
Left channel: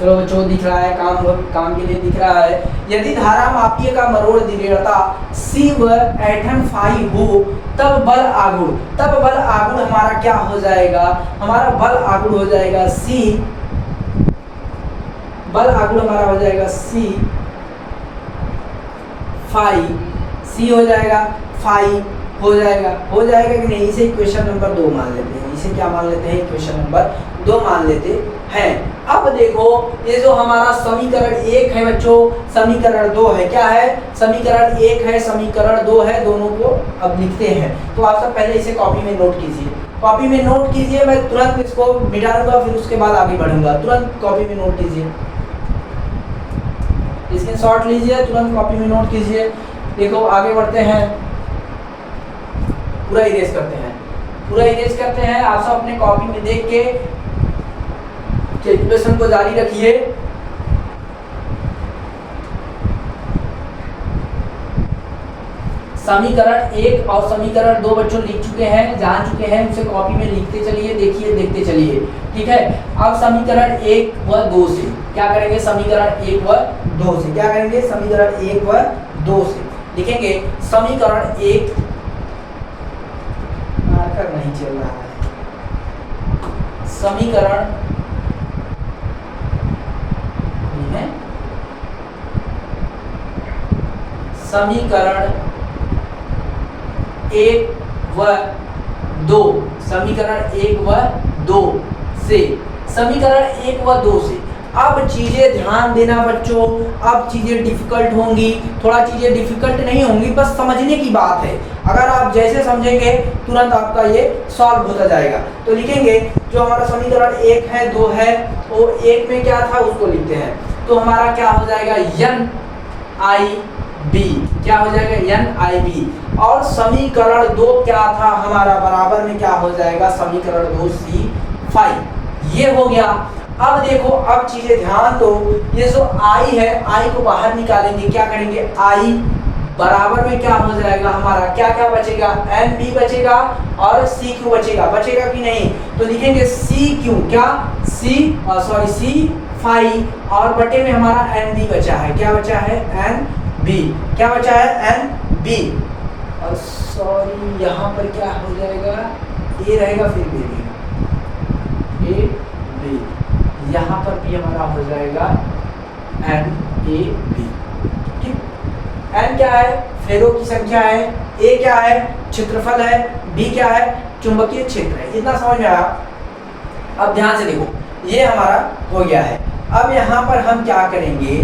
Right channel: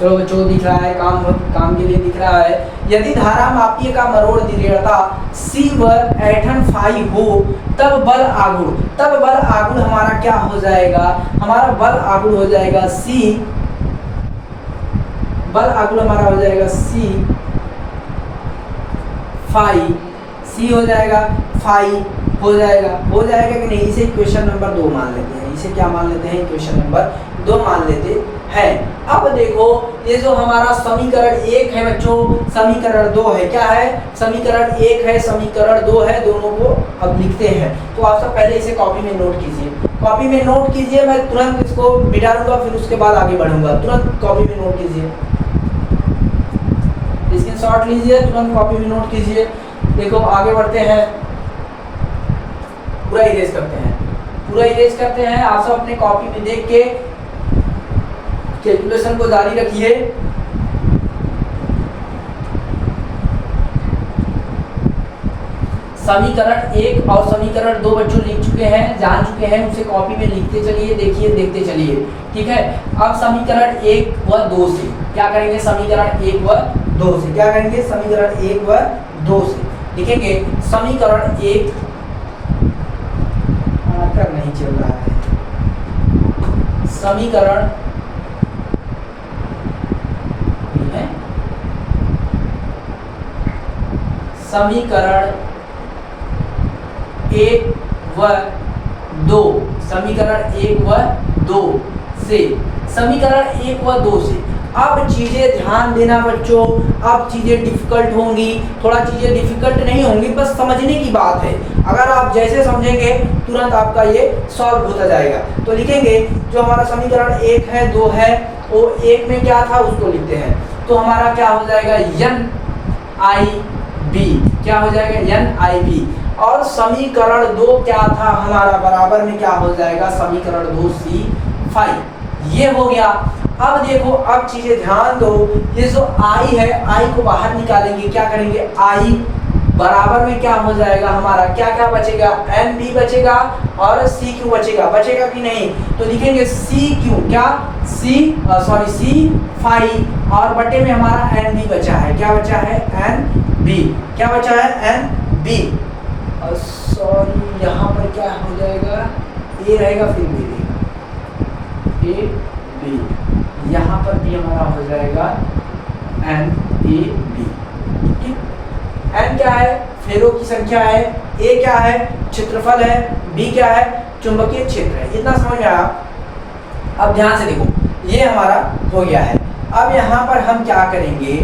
चलो बच्चों दिख रहा है, काम के लिए दिख रहा है, यदि धारा मापीय का मरोड़ दृढ़ता C व ऐठन फाई हो तब बल आघूर्ण हमारा क्या हो जाएगा, हमारा बल आघूर्ण हो जाएगा C, बल आघूर्ण हमारा हो जाएगा C फाई, C हो जाएगा, फाई हो जाएगा कि नहीं, इसे इक्वेशन नंबर 2 मान लेते हैं, इसे क्या मान लेते हैं, इक्वेशन नंबर 2 मान लेते हैं। अब देखो ये जो हमारा समीकरण 1 है बच्चों, समीकरण 2 है, क्या है, समीकरण 1 है, समीकरण 2 है, दोनों को अब लिखते हैं, तो आप सब पहले इसे कॉपी में नोट कीजिए, मैं तुरंत इसको मिटा दूंगा, फिर उसके बाद आगे बढ़ूंगा, तुरंत कॉपी में नोट कीजिए, स्क्रीनशॉट लीजिए, तुरंत कॉपी में नोट कीजिए। देखो आगे बढ़ते हैं, पूरा इरेज करते हैं, आप सब अपने कॉपी में देख के कैलकुलेशन को जारी रखिए। समीकरण 1 और समीकरण 2 बच्चों लिख चुके हैं, जान चुके हैं, उसे कॉपी में लिखते चलिए, देखिए देखते चलिए, ठीक है। अब समीकरण 1 व 2 से क्या करेंगे, समीकरण 1 व 2 से क्या करेंगे, समीकरण 1 व 2 से लिखेंगे, समीकरण 1 मार्कर नहीं चल रहा है, समीकरण समीकरण 1 व 2, समीकरण 1 व 2 से, समीकरण 1 व 2 से। अब चीज़ें ध्यान देना बच्चों, अब चीज़ें डिफ़िकल्ट होंगी, थोड़ा चीज़ें डिफ़िकल्ट नहीं होंगी, बस समझने की बात है। अगर आप जैसे समझेंगे तुरंत आपका ये सॉल्व होता जाएगा। तो लिखेंगे जो हमारा समीकरण 1 है 2 है, वो 1 में क्या था उसको लिखते हैं। तो हमारा क्या हो जाएगा NIB, क्या हो जाएगा NIB। और समीकरण 2 क्या था हमारा, बराबर में क्या हो जाएगा समीकरण 2 C5। ये हो गया। अब देखो, अब चीजें ध्यान दो, ये जो I है, I को बाहर निकालेंगे, क्या करेंगे I बराबर में क्या हो जाएगा हमारा, क्या क्या बचेगा, NB बचेगा और CQ बचेगा, बचेगा कि नहीं। तो लिखेंगे CQ क्या C5 और बटे में हमारा NB बचा है, क्या बचा है NB, क्या बचा है NB। और सॉरी यहाँ पर क्या हो जाएगा, A रहेगा फिर B रहेगा, A B, यहाँ पर भी हमारा हो जाएगा NAB। ठीक, N क्या है, फेरों की संख्या है, A क्या है, क्षेत्रफल है, B क्या है, चुंबकीय क्षेत्र है। इतना समझ में आया। अब ध्यान से देखो, ये हमारा हो गया है। अब यहाँ पर हम क्या करेंगे,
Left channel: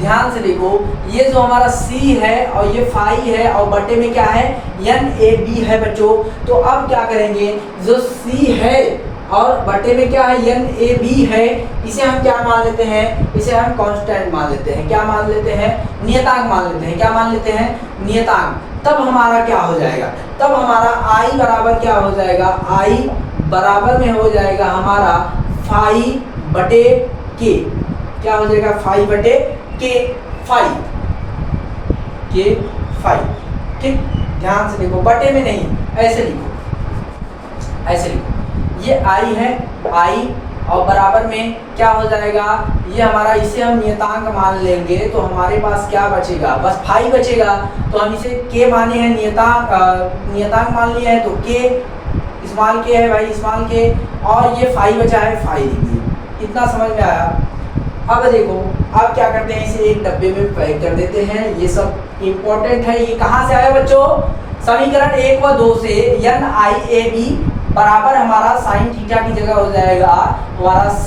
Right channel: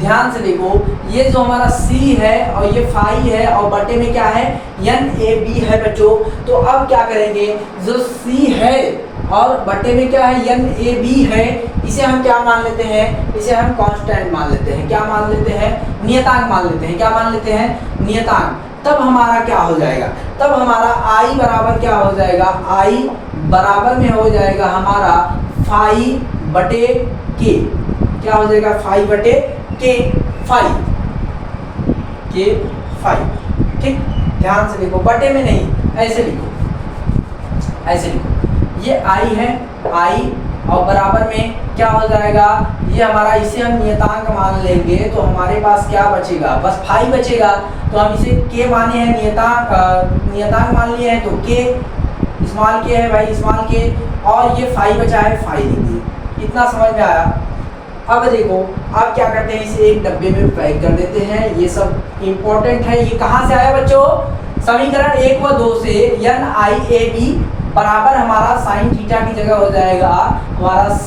ध्यान से देखो, ये जो हमारा C है और ये फाई है और बटे में क्या है NAB है बच्चों। तो अब क्या करेंगे, जो C है और बटे में क्या है NAB है, इसे हम क्या मान लेते हैं, इसे हम कांस्टेंट मान लेते हैं, क्या मान लेते हैं, नियतांक मान लेते हैं, क्या मान लेते हैं, नियतांक। तब हमारा क्या हो जाएगा, तब हमारा I बराबर क्या हो जाएगा, I बराबर में हो जाएगा हमारा फाई बटे के, क्या हो जाएगा फाई बटे के फाई, के फाई। ठीक, ध्यान से देखो, बटे में नहीं, ऐसे लिखो, ऐसे लिखो, ये I है, I और बराबर में क्या हो जाएगा, ये हमारा, इसे हम नियतांक मान लेंगे तो हमारे पास क्या बचेगा, बस फाई बचेगा। तो हम इसे के माने हैं, नियतांक मान लिया है तो के स्मॉल के है भाई, स्मॉल के, और ये फाई बचा है, फाई लिख दिए। इतना समझ में आया। अब देखो, अब क्या करते हैं, इसे एक डब्बे में पैक कर देते हैं। ये सब इम्पोर्टेंट है। ये कहाँ से आया बच्चों, समीकरण 1 व 2 से। NIAB बराबर हमारा साइन थीटा की जगह हो जाएगा हमारा C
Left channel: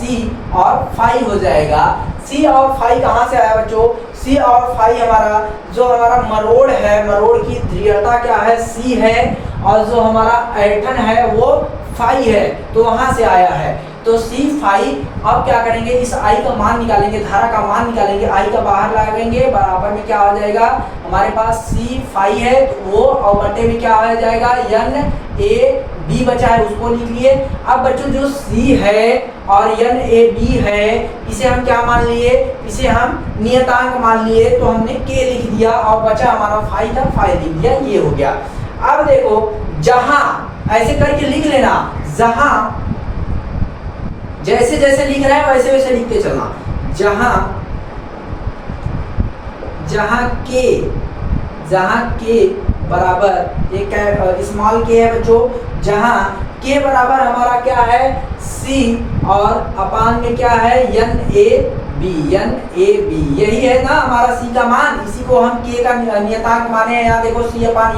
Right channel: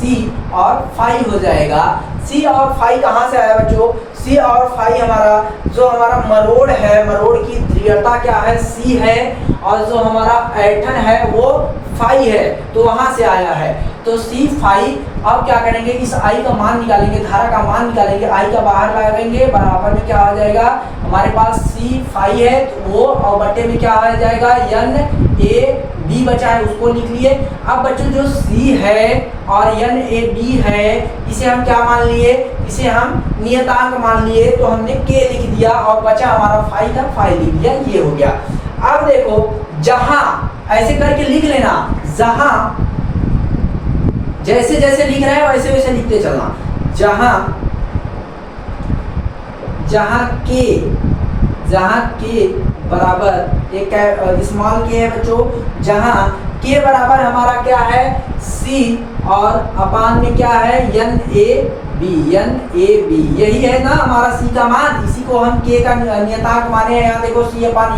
और फाई हो जाएगा। C और फाई कहाँ से आया बच्चों, C और फाई हमारा, जो हमारा मरोड़ है, मरोड़ की ध्रुवीयता क्या है, C है, और जो हमारा ऐंठन है वो फाई है, तो वहां से आया है। तो C फाई। अब क्या करेंगे, इस I का मान निकालेंगे, धारा का मान निकालेंगे, I का बाहर लगाएंगे, बराबर में क्या आ जाएगा हमारे पास C फाई है तो वो, और बटे में क्या आ जाएगा NAB बचा है, उसको लिख लिए। अब बच्चों जो C है और NAB है, इसे हम क्या मान लिए, इसे हम नियतांक मान लिए, तो हमने K लिख दिया और बचा हमारा फाई था, फाई लिख दिया। ये हो गया। अब देखो, जहां ऐसे करके लिख लेना, जहां जैसे जैसे लिख रहे हैं वैसे वैसे लिखते चलना। जहां के बराबर, एक स्मॉल के है बच्चों, जहां के बराबर हमारा क्या है C और अपान में क्या है NAB, यही है ना हमारा C का मान। इसी को हम K का नियतांक माने हैं। यहाँ देखो C अपान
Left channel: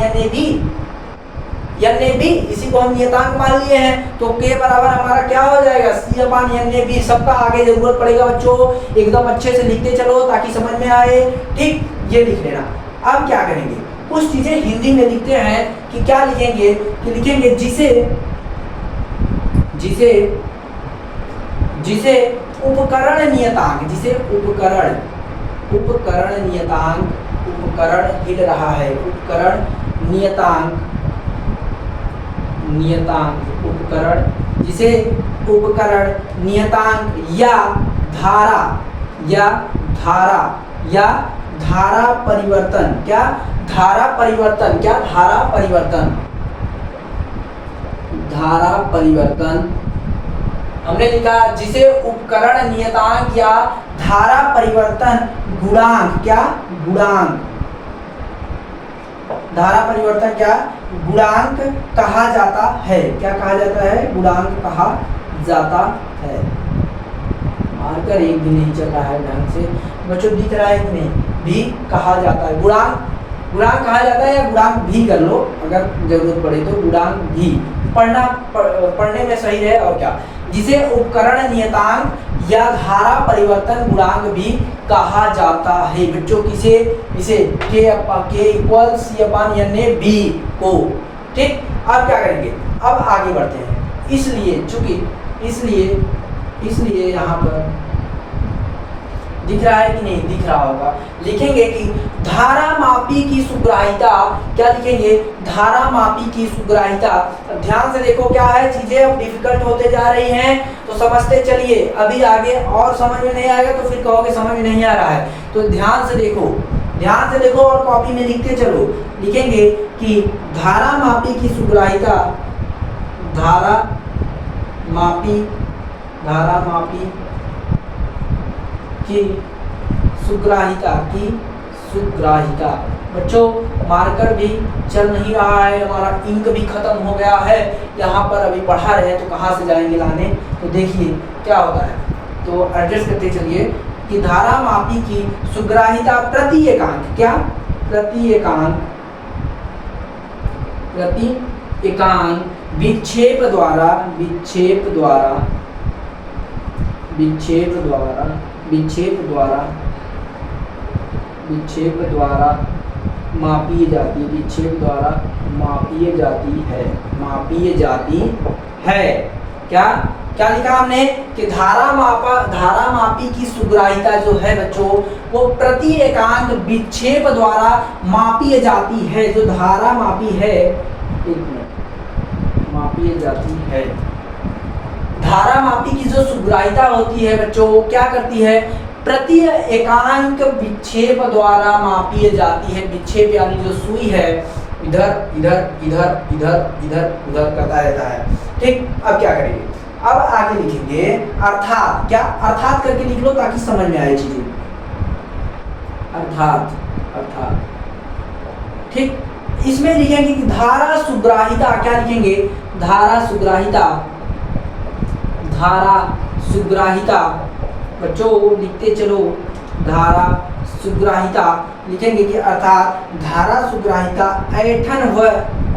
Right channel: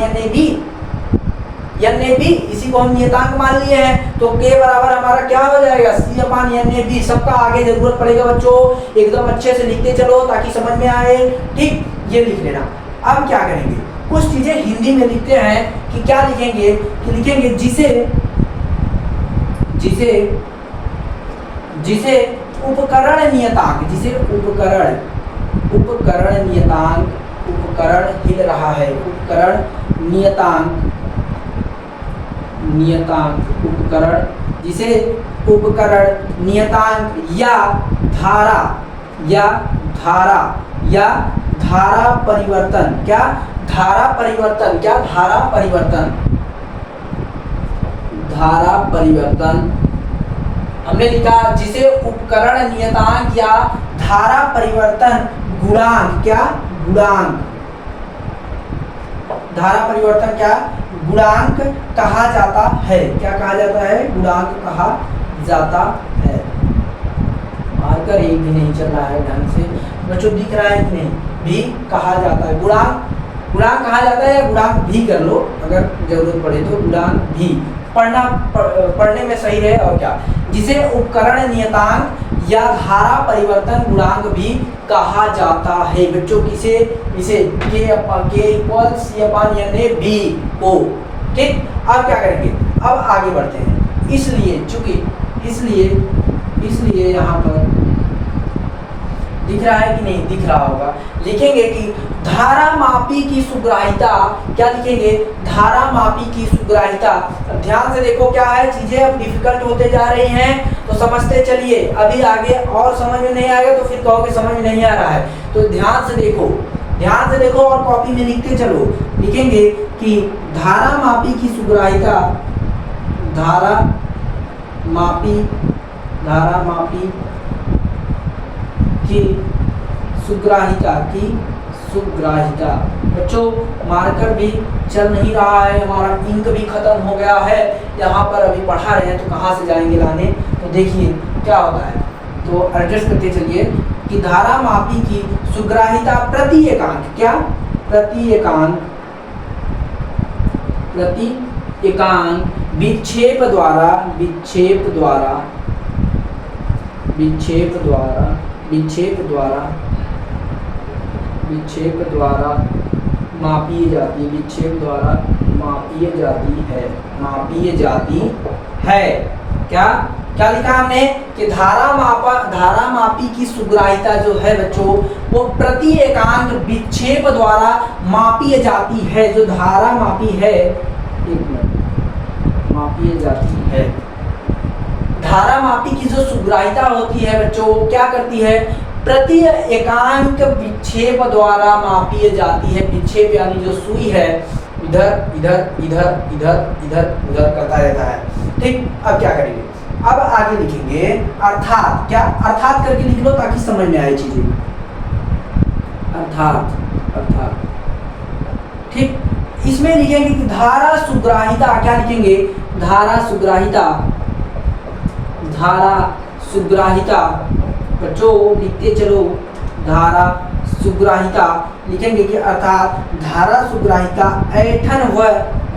NAB, इसी को हम नियतांक मान लिए हैं। तो K बराबर हमारा क्या हो जाएगा C अपान NAB। सबका आगे जरूरत पड़ेगा बच्चों, एकदम अच्छे से लिखते चलो ताकि समझ में आए। ठीक, ये लिख लेना। अब क्या करेंगे, कुछ चीजें हिंदी में लिखते हैं कि क्या लिखेंगे, कि लिखेंगे जिसे उपकरण नियतांक, जिसे उपकरण नियतांक, उपकरण हिल रहा है, उपकरण नियतांक उपकरण, जिसे उपकरण नियतांक या धारा परिवर्तन, क्या धारा परिवर्तन हमने लिखा, जिसे उपकरण नियतांक या धारा परिवर्तन गुणांक, क्या गुणांक, धारा परिवर्तन क्या गुणांक कहा जाता है। क्या कहा जाता है, गुणांक कहा जाता है। मार्कर एक भी नहीं चल रहा है ढंग से बच्चों, दिख रहा है कि नहीं, भी कहा जाता है, गुणांक गुणांक कहा जाता है, या गुणांक भी कर लो अगर जरूरत पड़े तो, गुणांक भी पढ़ने में सही रहे और क्या, जिसे उपकरण नियतांक या धारा परिवर्तन गुणांक भी कहा जाता है बच्चों। किसे, इसे के equal C upon n A B को। ठीक, अब क्या करेंगे, अब आगे बढ़ते हैं। इसलिए चूंकि इसलिए यहाँ पर दिख रहा है कि नहीं दिख रहा होगा, लिखेंगे कि धारामापी की सुग्राहिता, क्या लिखेंगे, धारामापी की सुग्राहिता। ध्यान से देखो क्या है, चीजें अब डिफिकल्ट होते जा रही हैं तो समझते चलिए, अभी आगे और समझ में नहीं आएगा तो फिर कहोगे समझ में नहीं आ रहा है। तो ध्यान से देखो और कॉपी में लिखते चलो। लिखेंगे कि धारामापी की सुग्राहिता, धारामापी की सुग्राहिता। बच्चों मार्कर भी चल नहीं रहा है, हमारा इंक भी खत्म हो गया है, यहाँ पर अभी पढ़ा रहे हैं तो कहाँ से जाएंगे लाने। तो देखिए क्या होता है, तो एडजस्ट करते चलिए कि धारामापी की सुग्राहिता प्रति एकांक, क्या, प्रति एकांक विक्षेप द्वारा मापी जाती है। क्या लिखा हमने कि धारामापी की सुग्राहिता जो है बच्चों वो प्रति एकांक विक्षेप द्वारा मापी जाती है। जो धारामापी है, एक मिनट, मापी जाती है, धारामापी की जो सुग्राहिता होती है बच्चों वो क्या करती है, प्रति एकांक विक्षेप द्वारा मापी जाती है। विक्षेप यानी जो सुई है इधर इधर इधर इधर इधर उधर करता रहता है। ठीक, अब क्या करेंगे, अब आगे लिखेंगे अर्थात, क्या, अर्थात करके लिख लो ताकि समझ में आए चीजें। अर्थात ठीक, इसमें लिखेंगे कि धारा सुग्राहिता, क्या लिखेंगे, धारा सुग्राहिता बच्चों लिखते चलो, धारा सुग्राहिता लिखेंगे कि अर्थात धारा सुग्राहिता ऐठन व,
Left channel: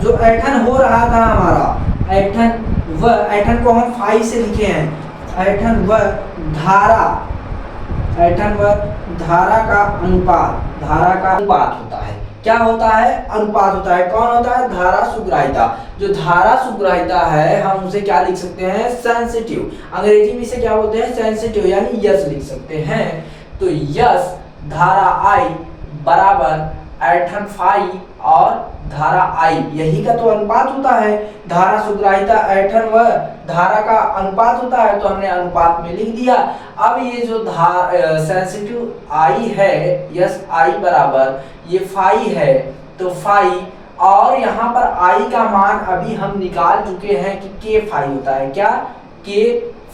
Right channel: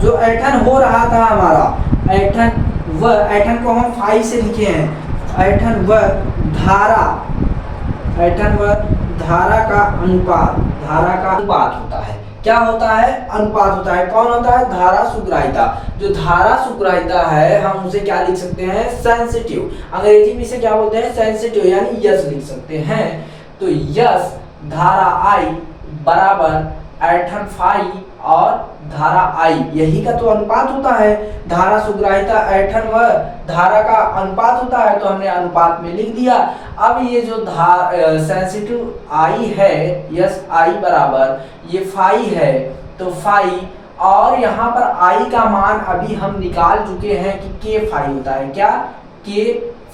जो ऐठन हो रहा था हमारा, ऐठन को हम फाई से लिखे हैं, ऐठन व धारा का अनुपात होता है। क्या होता है, अनुपात होता है। कौन होता है, धारा सुग्राहिता। जो धारा सुग्राहिता है हम उसे क्या लिख सकते हैं, सेंसिटिव। अंग्रेजी में इसे क्या बोलते हैं, सेंसिटिव, यानी यस लिख सकते हैं। तो यस धारा आई बराबर ऐठन फाई और धारा आई, यही का तो अनुपात होता है। धारा सुग्राहिता ऐठन व धारा का अनुपात होता है, तो हमने अनुपात में लिख दिया। अब ये जो सेंसिटिव आई है, यस आई बराबर ये फाई है, तो फाई, और यहाँ पर आई का मान अभी हम निकाल चुके हैं कि के फाई होता है, क्या, के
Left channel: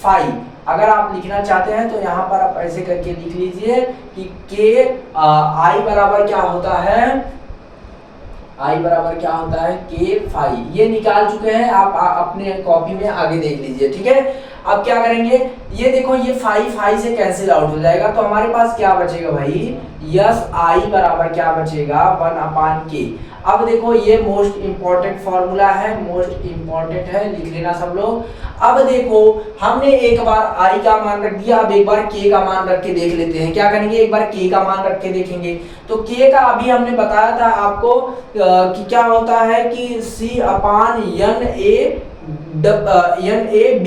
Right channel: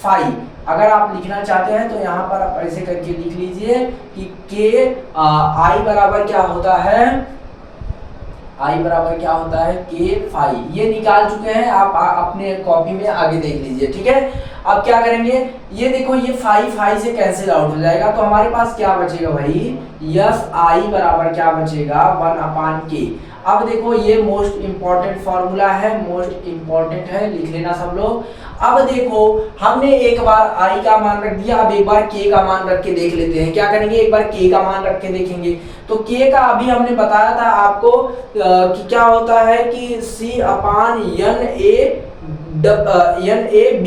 फाई। अगर आप लिखना चाहते हैं तो यहाँ पर आप ऐसे करके लिख लीजिए कि के आई बराबर क्या होता है, आई बराबर क्या होता है, के फाई। ये निकाल चुके हैं, आप अपने कॉपी में आगे देख लीजिए। ठीक है, अब क्या करेंगे, ये देखो ये फाई से कैंसिल आउट हो जाएगा, तो हमारे पास क्या बचेगा भाई, यस आई बराबर क्या बचेगा, 1/k। अब देखो ये मोस्ट इंपॉर्टेंट फॉर्मूला है, मोस्ट इंपॉर्टेंट है, लिख लेना सब लोग। अब देखो हमने एक बार आई का मान रख दिया, अब एक बार के का मान रख के देख लेते हैं। क्या करेंगे, एक बार के का मान रख के देखेंगे। तो के का अभी हमने बताया था आपको कि क्या होता है कि C/N A B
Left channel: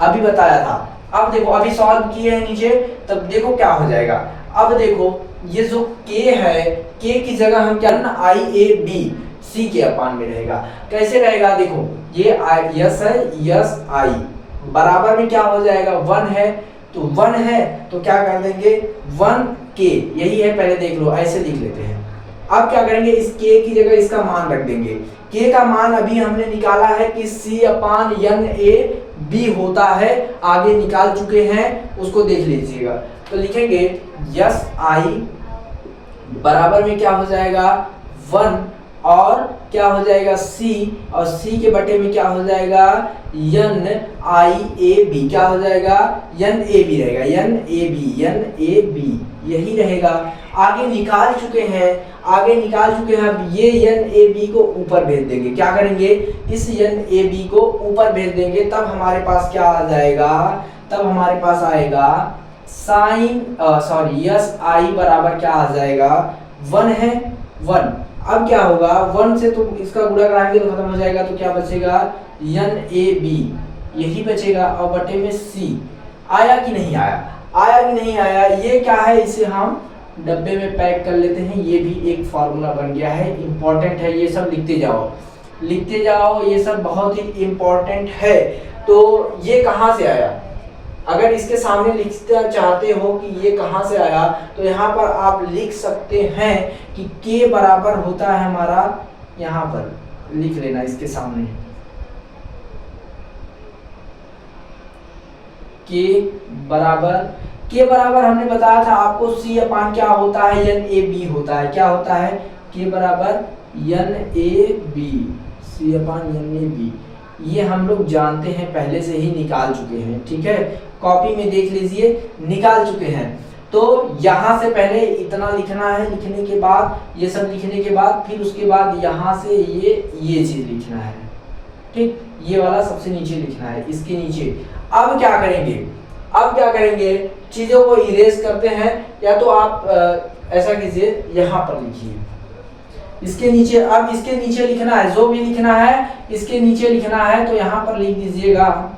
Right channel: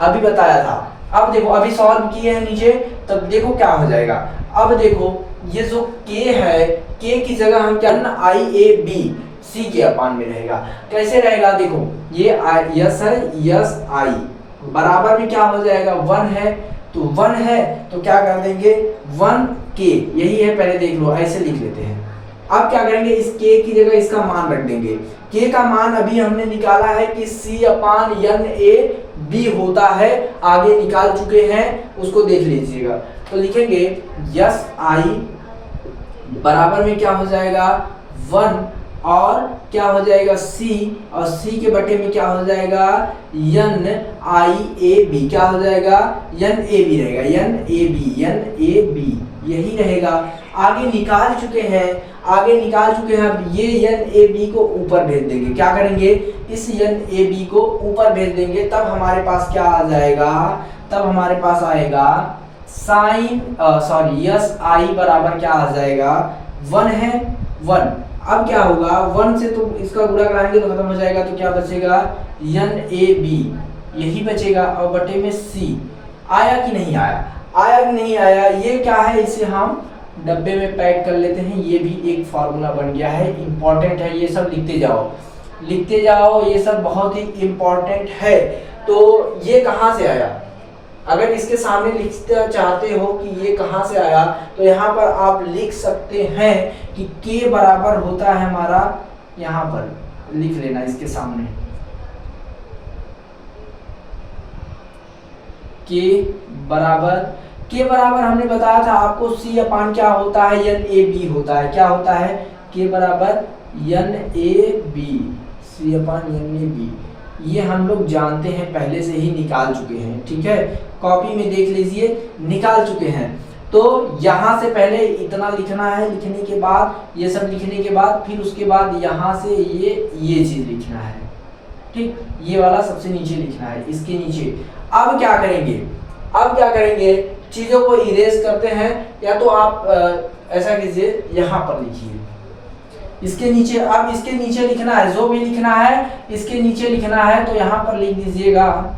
अभी बताया था। अब देखो अभी सॉल्व किए हैं नीचे, तब देखो क्या हो जाएगा। अब देखो ये जो k है, k की जगह हम क्या IAB C के अपान में रहेगा। कैसे रहेगा, देखो ये यस है, यस आई बराबर में क्या हो जाएगा, 1 है, तो 1 है तो क्या कर देंगे 1k, यही है, पहले देख लो, ऐसे लिख लेते हैं। अब क्या करेंगे, इस k की जगह इसका मान रख देंगे। k का मान अभी हमने निकाला है कि C/NA/B होता है, आगे निकाल चुके हैं, उसको देख लीजिएगा। तो लिखेंगे यस आई बराबर में क्या हो जाएगा 1, और क्या हो जाएगा C, और C के बटे में क्या हो जाएगा NIAB, क्या हो जाएगा NAB रहेगा, NAB यही रहेगा। आगे निकाल चुके हैं, आगे निकाल चुके हैं। अब ये NAB को ऊपर भेज देंगे, क्या करेंगे, इस NAB को ऊपर भेज देंगे, तब हमारे पास क्या आ जाएगा, तब हमारे पास आएगा यस आई बराबर क्या आ जाएगा, 1 है 1। अब क्या होगा, 1 से तो इसका गुणा कराएंगे तो खत्म हो जाएगा, तो क्या बचेगा, NAB यही बचेगा, और बटे में C। आया कि नहीं आया, आया कि नहीं आया, ये क्या है, इसे हम डब्बे में पैक कर लेते हैं। ये भी एक फार्मूला बन गया है, इंपॉर्टेंट है, ये सब लिखते जाओ लिखते जाओ, ये सब बहुत ही इंपॉर्टेंट है। तो ये कहाँ से आया, अगर इसके सामने लिखना चाहते हो कि ये कहाँ से आया, तो यहाँ पर आप लिख सकते हैं कि K बराबर होता है हमारा, यहाँ पर लिख लेना इसके सामने, के बराबर हमने बताया था आपको C अपान क्या होता है, NAB होता है, क्या होता है, के बराबर NAB, C अपान NAB, ये हम लोग जानते हैं, पहले से ही निकाल चुके हैं, ठीक है, कॉपी में देख लीजिए, निकाल चुके हैं। तो यहाँ से पहले इतना लिखना है, लिखने के बाद ये सब लिखने के बाद फिर उसके बाद यहाँ से ये चीज लिखना है, ठीक, ये वाला सबसे नीचे लिखना है, इसके नीचे। अब क्या करेंगे, अब क्या करेंगे, चीजों को इरेज करते हैं, या तो आप ऐसा कीजिए, यहाँ पर लिखिए इसके नीचे। अब इसके नीचे लिखना है, जो भी लिखना है इसके नीचे लिखना है, तो यहाँ पर लिख दीजिएगा,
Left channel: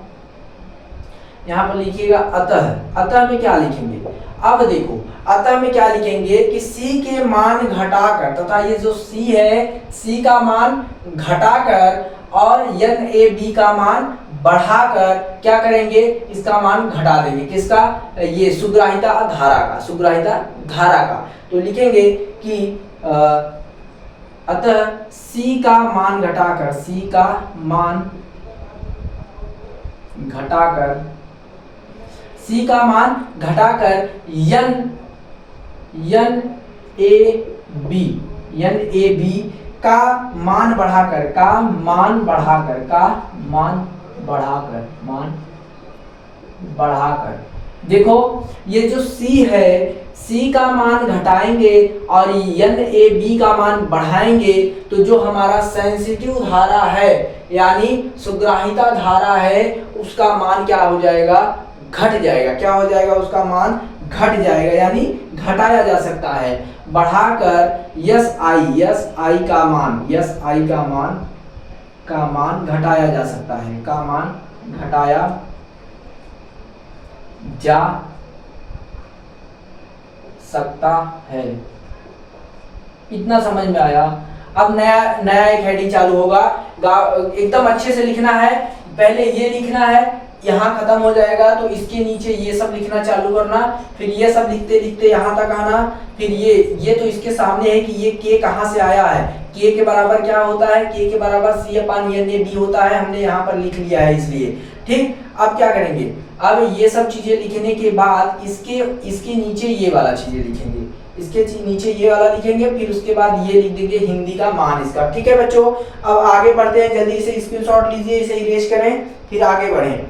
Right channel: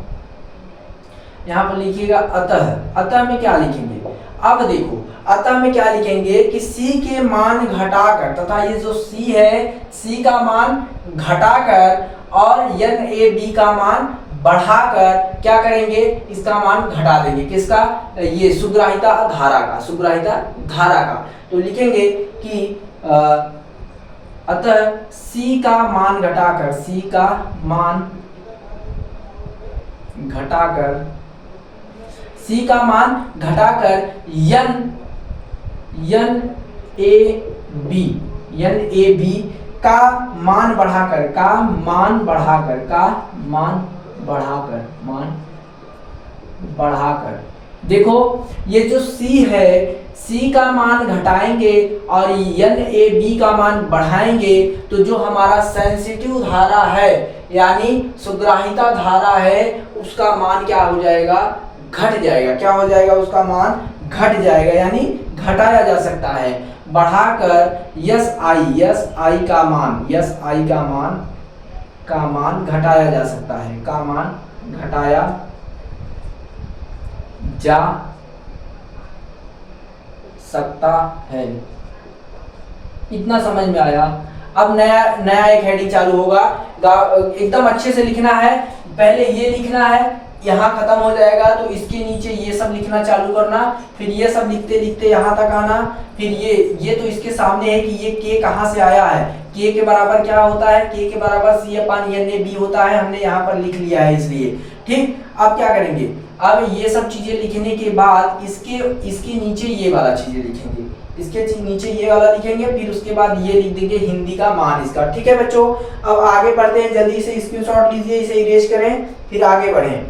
यहाँ पर लिखिएगा अतः। अतः में क्या लिखेंगे, अब देखो अतः में क्या लिखेंगे कि C के मान घटाकर, तथा ये जो C है, C का मान घटाकर और NAB का मान बढ़ाकर क्या करेंगे, इसका मान घटा देंगे, किसका, ये सुग्राहिता धारा का, सुग्राहिता धारा का। तो लिखेंगे कि अतः C का मान घटाकर, C का मान घटाकर, C का मान घटाकर NAB का मान बढ़ाकर, मान बढ़ाकर। देखो ये जो C है, C का मान घटाएंगे और NAB का मान बढ़ाएंगे, तो जो हमारा सेंसिटिव धारा है यानी सुग्राहिता धारा है, उसका मान क्या हो जाएगा, घट जाएगा। क्या हो जाएगा, उसका मान घट जाएगा, यानी घटाया जा सकता है। बढ़ाकर SI का मान घटाया जा सकता है, का मान घटाया जा सकता है। इतना समझ में आया। अब नया एक हेडिंग चालू होगा, एकदम अच्छे से लिखना है, पहले ये लिखना है, यहाँ खत्म हो जाएगा तो इसके नीचे ये सब लिखना चालू करना, फिर ये सब लिखते लिखते यहाँ तक आना, फिर ये तो इसके सामने है कि ये K कहाँ से आया है, K के बराबर क्या होता है, K के बराबर C अपान NAB होता है, हमने यहाँ पर लिख लिया है इसलिए, ठीक। अब क्या करेंगे, अब ये सब चीजें लिखने के बाद इसके नीचे ये वाला चीजें लिखेंगे, इसके नीचे ये वाला लिखेंगे, फिर उसके बाद ये लिख देंगे हिंदी का मान इसका, ठीक है बच्चों। अब आगे बढ़ते हैं, जल्दी से स्क्रीनशॉट लीजिए, इसे इरेज करें, फिर आगे बढ़ें।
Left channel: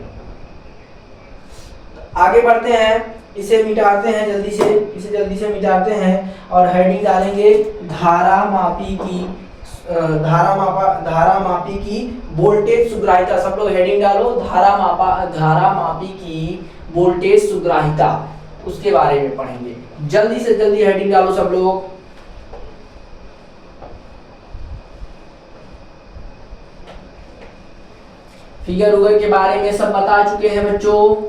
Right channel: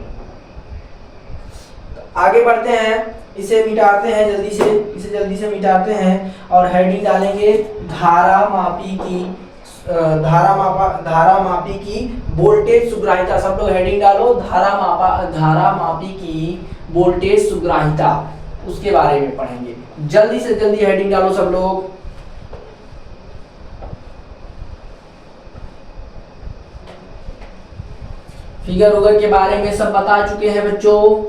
आगे बढ़ते हैं, इसे मिटाते हैं जल्दी से, इसे जल्दी से मिटाते हैं और हेडिंग डालेंगे धारा मापी की वोल्टेज सुग्राहिता। सब लोग हेडिंग डालो, धारा मापी की वोल्टेज सुग्राहिता, उसके बारे में पढ़ेंगे। जल्दी से जल्दी हेडिंग डालो सब लोग। फिगर के बारे में सब बता चुके हैं बच्चों,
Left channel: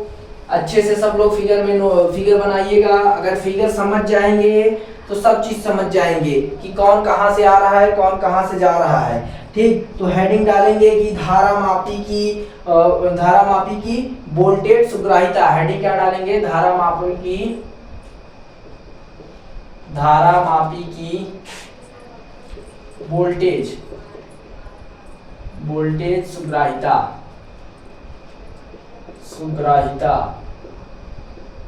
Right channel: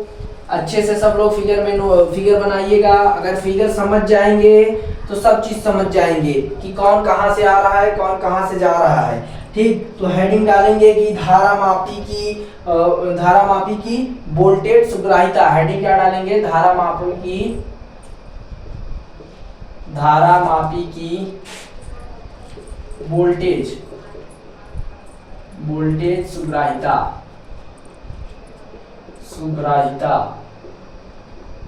अच्छे से सब लोग फिगर बनाइएगा। अगर फिगर समझ जाएंगे तो सब चीज समझ जाएंगे कि कौन कहां से आ रहा है, कौन कहां से जा रहा है, ठीक। तो हेडिंग डालेंगे कि धारा मापी की वोल्टेज सुग्राहिता। हेडिंग क्या डालेंगे, धारा मापी की वोल्टेज सुग्राहिता।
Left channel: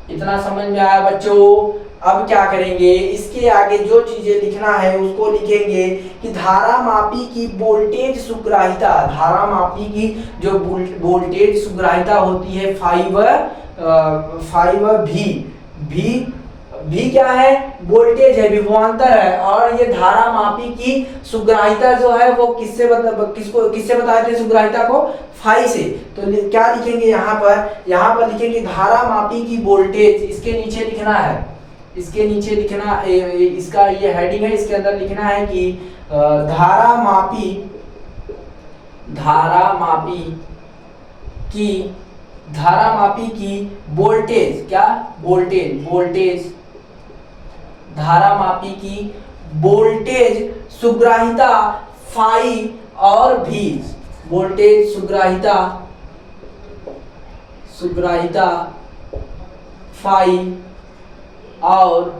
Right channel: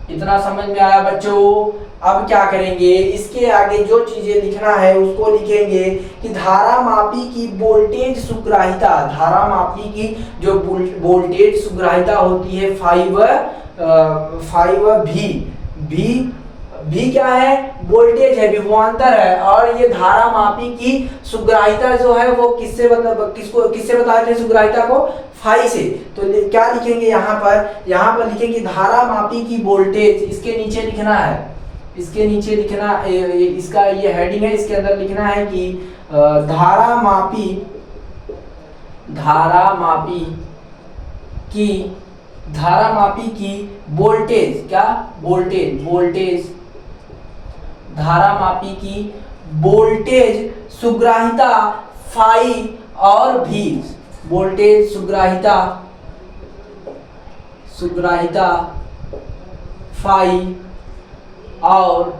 इतना समझ में आया बच्चों। अब क्या करेंगे, इसके आगे जो चीजें लिखना है उसको लिखेंगे कि धारा मापी की वोल्टेज सुग्राहिता। धारा मापी की जो वोल्टेज सुग्राहिता होती है 5V भी क्या है, वोल्टेज है, विभवांतर है, और ये धारा मापी की सुग्राहिता जो है वो किससे बताते हैं सुग्राहिता को, फाई से। तो क्या लिखेंगे यहाँ पर लिखेंगे धारा मापी की वोल्टेज, इसके नीचे लिखना है, इसके नीचे लिखना, इसका ये हेडिंग है, इसके अंदर लिखना है कि धारा मापी की वोल्टेज, क्या वोल्टेज धारा मापी की वोल्टेज सुग्राहिता फाई और भी, वोल्टेज सुग्राहिता फाई और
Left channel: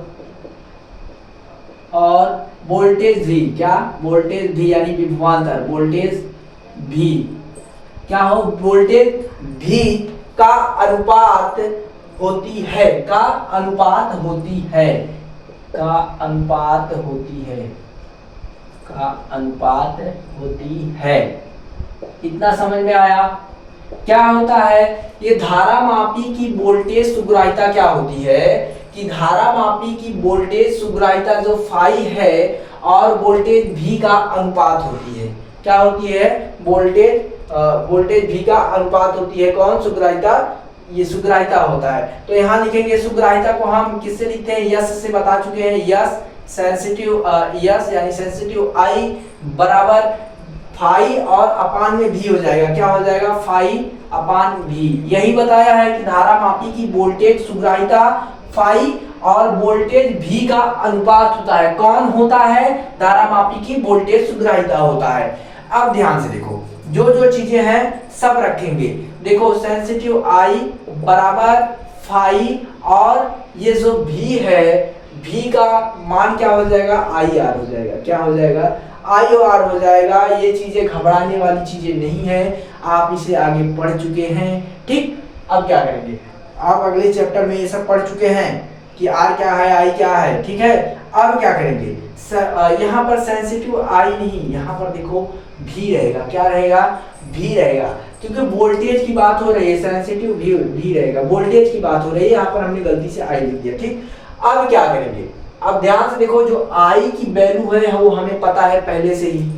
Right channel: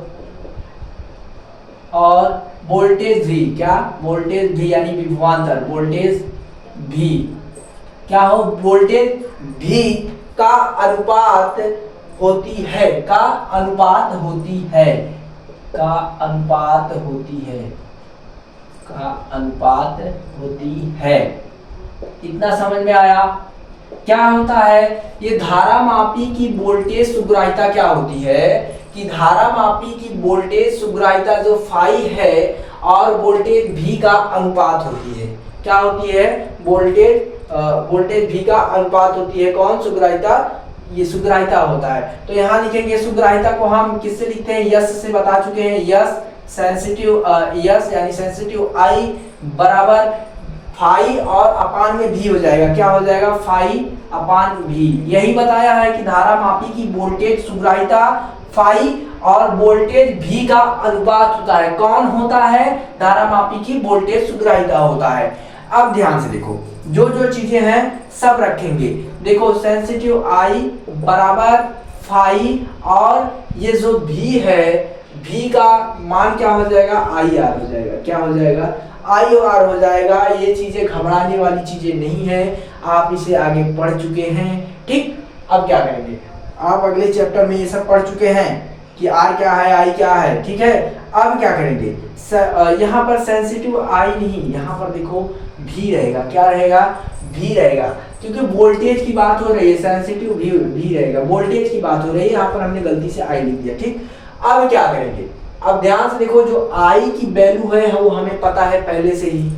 वोल्टेज भी, क्या वोल्टेज भी यानी विभवांतर, वोल्टेज भी क्या हो, वोल्टेज भी का अनुपात होती है, का अनुपात होती है। इतना समझ में आया? क्या होता है ये धारा मापी की वोल्टेज सुग्राहिता, क्या होती है कि धारा मापी की वोल्टेज सुग्राहिता जो फाई है और वोल्टेज भी का अनुपात होती है, क्या होती है, वोल्टेज भी का अनुपात होती है, कौन, सुग्राहिता, ये सुग्राहिता होता है। तो यहाँ लिखेंगे सुग्राहिता को हम किससे लिखते हैं, यस से बता चुके हैं, यस यानी सेंसिटिव आई बराबर फाई और अपान में भी हो जाएगा, क्या हो जाएगा, फाई अपान भी। यही बताया है कि धारा मापी की वोल्टेज सुग्राहिता फाई और वोल्टेज भी का अनुपात होता है, कौन होता है, धारा मापी की वोल्टेज सुग्राहिता होता है। अब ध्यान से देखो, जो चीजें हैं सब रखेंगे, देखो सेंसिटिव आई बराबर फाई और ये जो भी है, भी का मान क्या हो जाएगा, आई आर हो जाएगा, क्या हो जाएगा, आई और आर हो जाएगा। ये चीजें घबराने वाली चीजें नहीं है, आप इसे आगे पढ़ चुके हैं, ठीक। अब क्या करेंगे, आप अगले चैप्टर में ये सब पढ़ चुके हैं कि आर क्या है, आई क्या है, ठीक है। अब क्या करेंगे, यहाँ पर सेंसिटिव आई नहीं, यहाँ पर देखो भी रहेगा, क्या रहेगा, भी रहेगा, क्योंकि वोल्टेज की बात हो रही है, सेंसिटिव भी रहेगा, वोल्टेज की बात हो रही है, यहाँ पर हमने गलती से आई लिख दिया, ठीक। अब क्या करेंगे, अब ध्यान से देखो, जो आई की वैल्यू है वो हमें पता है पहले से ही,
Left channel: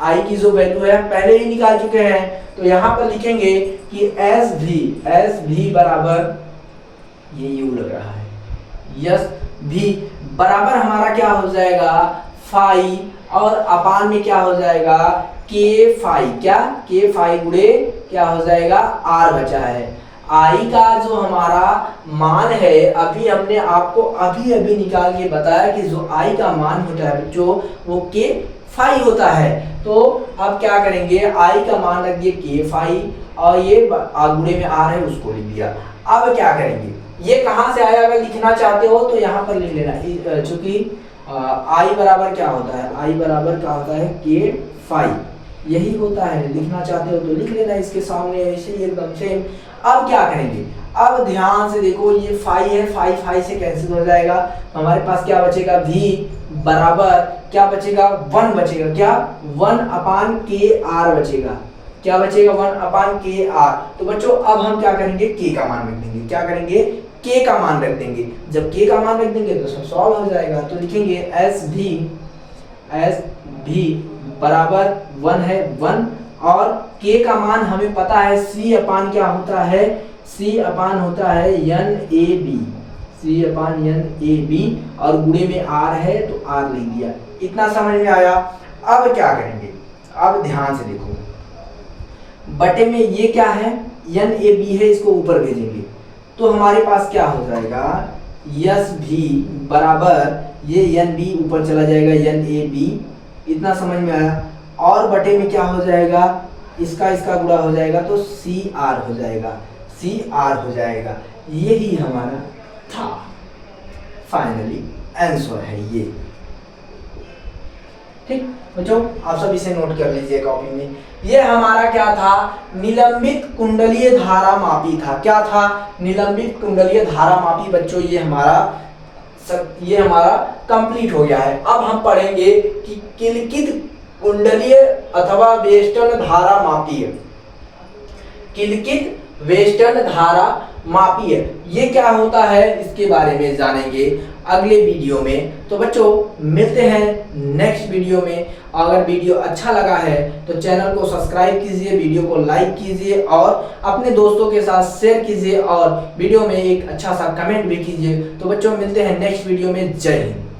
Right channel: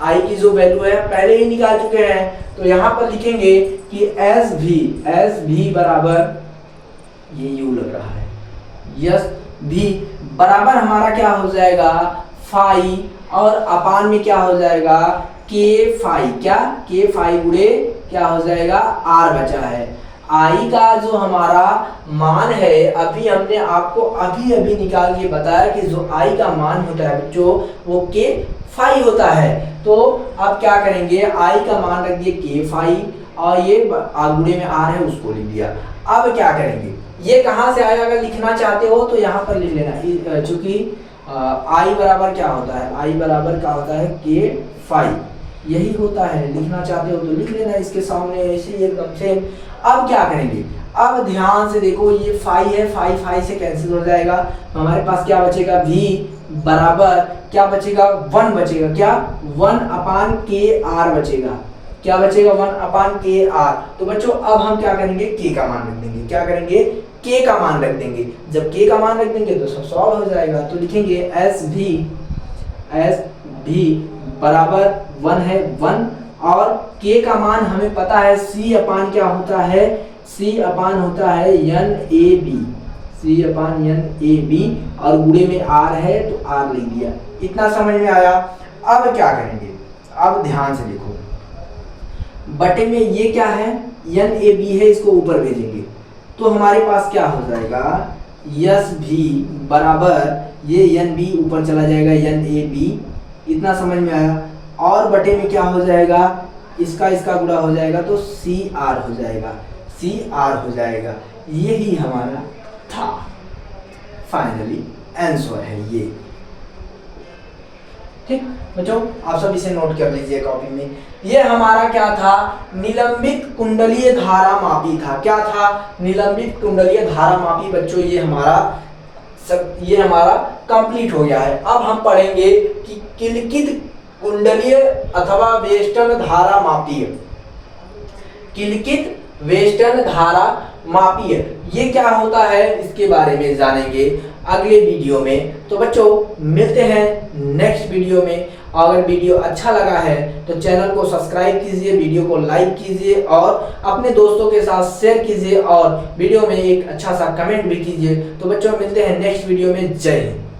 आई की जो वैल्यू है पहले ही निकाल चुके हैं। तो यहाँ पर लिखेंगे कि एस भी बराबर, ये यू लग रहा है, यस भी बराबर हमारा क्या हो जाएगा, फाई और अपान में क्या हो जाएगा, के फाई, क्या के फाई गुणे क्या हो जाएगा, आर बचा है। आई का जो हमारा मान है, अभी हमने आपको अभी निकाल के बताया कि जो आई का मान होता है बच्चों वो के फाई होता है। तो अब क्या करेंगे, आई का मान रख दिए के फाई और ये गुणे में आर है उसको लिख दिया। अब क्या करेंगे, ये कहाँ से आया, अगर लिखना चाहते हो तो यहाँ पर लिख लेना, चूंकि आई बराबर क्या होता है, आई बराबर क्या होता है, के फाई, यही होता है। लिखना चाहते हो तो लिख लेना इसके सामने ऐसे ही एकदम से। अब क्या करेंगे, अब ध्यान से देखो, ये फाई है, फाई से कैंसिल हो जाएगा, हमारे पास क्या बचेगा, v बराबर क्या बचेगा, 1 बचेगा, क्या 1 अपान के आर बचेगा, क्या बचेगा, 1 अपान के आर। तो बच्चों अब हम क्या करेंगे, के का मान रख देंगे, क्या करेंगे, के का मान रख देंगे। जब के का मान रख देंगे तो सब सॉल्व हो जाएगा। तो लिखेंगे एस भी बराबर 1 है, 1 और के का मान हमें पता है, सी अपान क्या होता है, सी अपान होता है n A B, C upon n A B और गुणे में आर है तो आर लिख दिया। इतना समझ में आया। अब क्या करेंगे, अब ध्यान से देखो, बटे में ये क्या है, एन ए बी है, इसको ऊपर भेजेंगे तो हमारे पास क्या हो जाएगा, यस भी बराबर ये एन बी ऊपर चला जाएगा, एन ए बी। इतना समझ में आया। और बटे में क्या हो जाएगा, इसका गुणा हो जाएगा तो सी आर हो जाएगा, सी आर हो जाएगा। यही हमारा था, फाइनली आंसर है ये। ठीक बच्चों, आप सब इसे नोट कर लीजिए कॉपी में। ये हमारा क्या था, निलंबित कुंडलीय धारा मापी था। क्या था, निलंबित कुंडलीय धारा मापी। बच्चों ये हमारा कंप्लीट हो गया है। अब हम पढ़ेंगे कि किलकित कुंडलीय अथवा वेस्टर्न धारा मापी। किलकित वेस्टर्न धारा मापी है, ये क्या होता है इसके बारे में जानेंगे अगले वीडियो में। तो बच्चों मिलते हैं नेक्स्ट वीडियो में। अगर वीडियो अच्छा लगा है तो चैनल को सब्सक्राइब कीजिए, वीडियो को लाइक कीजिए और अपने दोस्तों के साथ शेयर कीजिए और वीडियो में एक अच्छा सा कमेंट भी कीजिए। तो बच्चों मिलते हैं नेक्स्ट वीडियो में। जय हिंद।